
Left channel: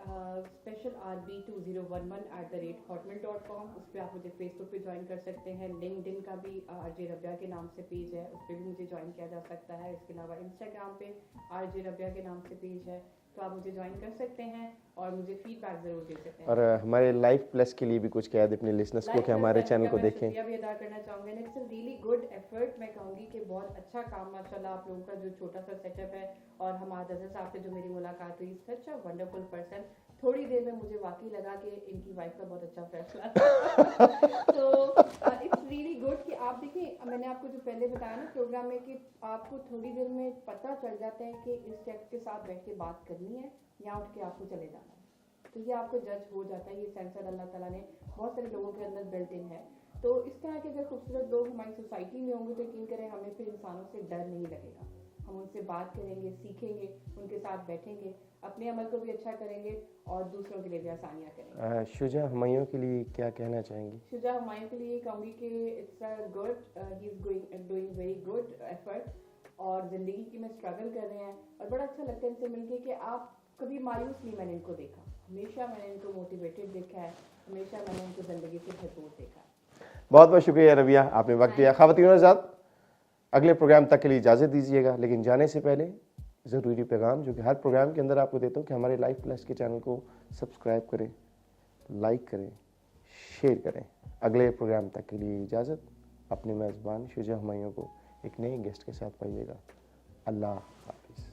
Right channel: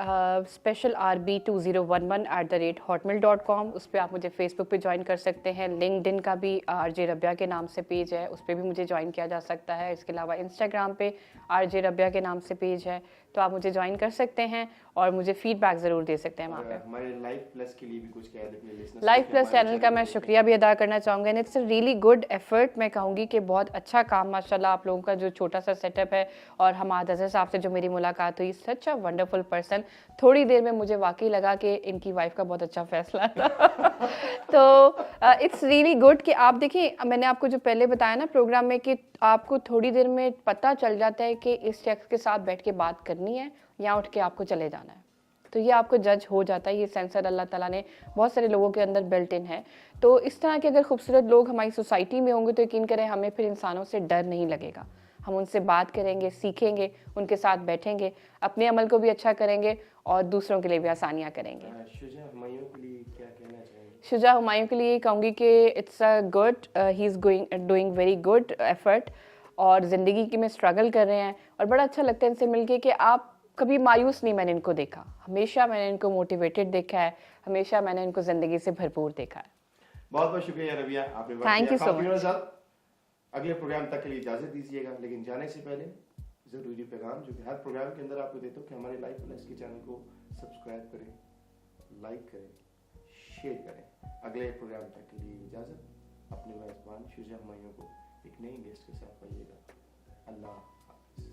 special rb2011@hotmail.com। उस पर आप मुझे फेसबुक पे ज्वाइन कर सकते हैं। लिंक्डइन का भी आरजे रबिया के नाम से पेज है, उस पर भी मुझे ज्वाइन किया जा सकता है। इसके अलावा इंस्टाग्राम पे आरजे रबिया के नाम से पेज है, तो आप मुझे ज्वाइन कर सकते हैं और मुझे फीडबैक ज़रूर दे सकते हैं। और हमारे लाइफ प्लस के लिए भी कुछ कह दे अपने लिसनर्स को लाइफ कि प्लस हमारे चैनल का को मैं देखें। शुक्रिया भी अदा करना चाहूँगा। And it's a really good effort. मैं कहूँगी कि बहुत अच्छा काम माशाल्लाह आप लोगों का जो छोटा सा सेटअप है। और हमाद अज़हर साहब से जो मेरी मुलाकात हुई, सच अ वंडरफुल पर्सन। थोड़ी देर में मुझे वाकई लगा कि इनकी वाइफ का बहुत अच्छा फैसला है। तो इट्स रियली गुड कि आप देखिए, मैंने आपको जो पहले बताया ना प्रोग्राम में कि आपको थोड़ी देर में पता चल जाता है कि इस शख्स के साथ बैठ के बात करनी है या उठ के आपको चले जाना है। तो ये आपको जज हो जाता है। ये सेंसर अल्लाह ताला ने बहुत सारे लोगों के अंदर बिल्ट इन है। तो इस तरह के अगर खूबसूरत लोग हमारी सोसाइटी में होंगे तो यकीन करें हमें फिर इंसानों से डर नहीं लगेगा। हम उनसे बात करेंगे, सीखेंगे, उनके साथ बैठेंगे, अपने अमल को भी अच्छा करेंगे और दूसरों के लिए भी आसानियाँ करेंगे। शुजा हुमायूं के लिए क्या कहना चाहेंगे? शुजा हुमायूं के लिए कहूँगी कि it's a good, he is doing very good effort, और ज़िंदगी में स्ट्रगल कर रहे हैं। और बड़ा अच्छा लगता है इनसे मिलके कि आप कभी मायूस नहीं मैंने इनको देखा, हमेशा मैंने इनको मोटिवेटेड देखा है, हमेशा मैंने इनको ज़िंदगी से भरपूर देखा है। बहुत बहुत शुक्रिया रबिया, आपने वक्त Thank दिया। you so ख़वातीन और हज़रात, अगले प्रोग्राम तक के लिए इजाज़त दीजिएगा, लेकिन जाने से पहले ज़रूरी पैगाम जो कि हर प्रोग्राम के अंदर आपको देता हूँ कि हमारे लाइफ प्लस के चैनल को सब्सक्राइब करें, लाइक करें, शेयर करें। अगले प्रोग्राम तक के लिए इजाज़त। अपने मेज़बान शुजा हुमायूं को एक नए गेस्ट के साथ पाइएगा। अल्लाह हाफ़िज़।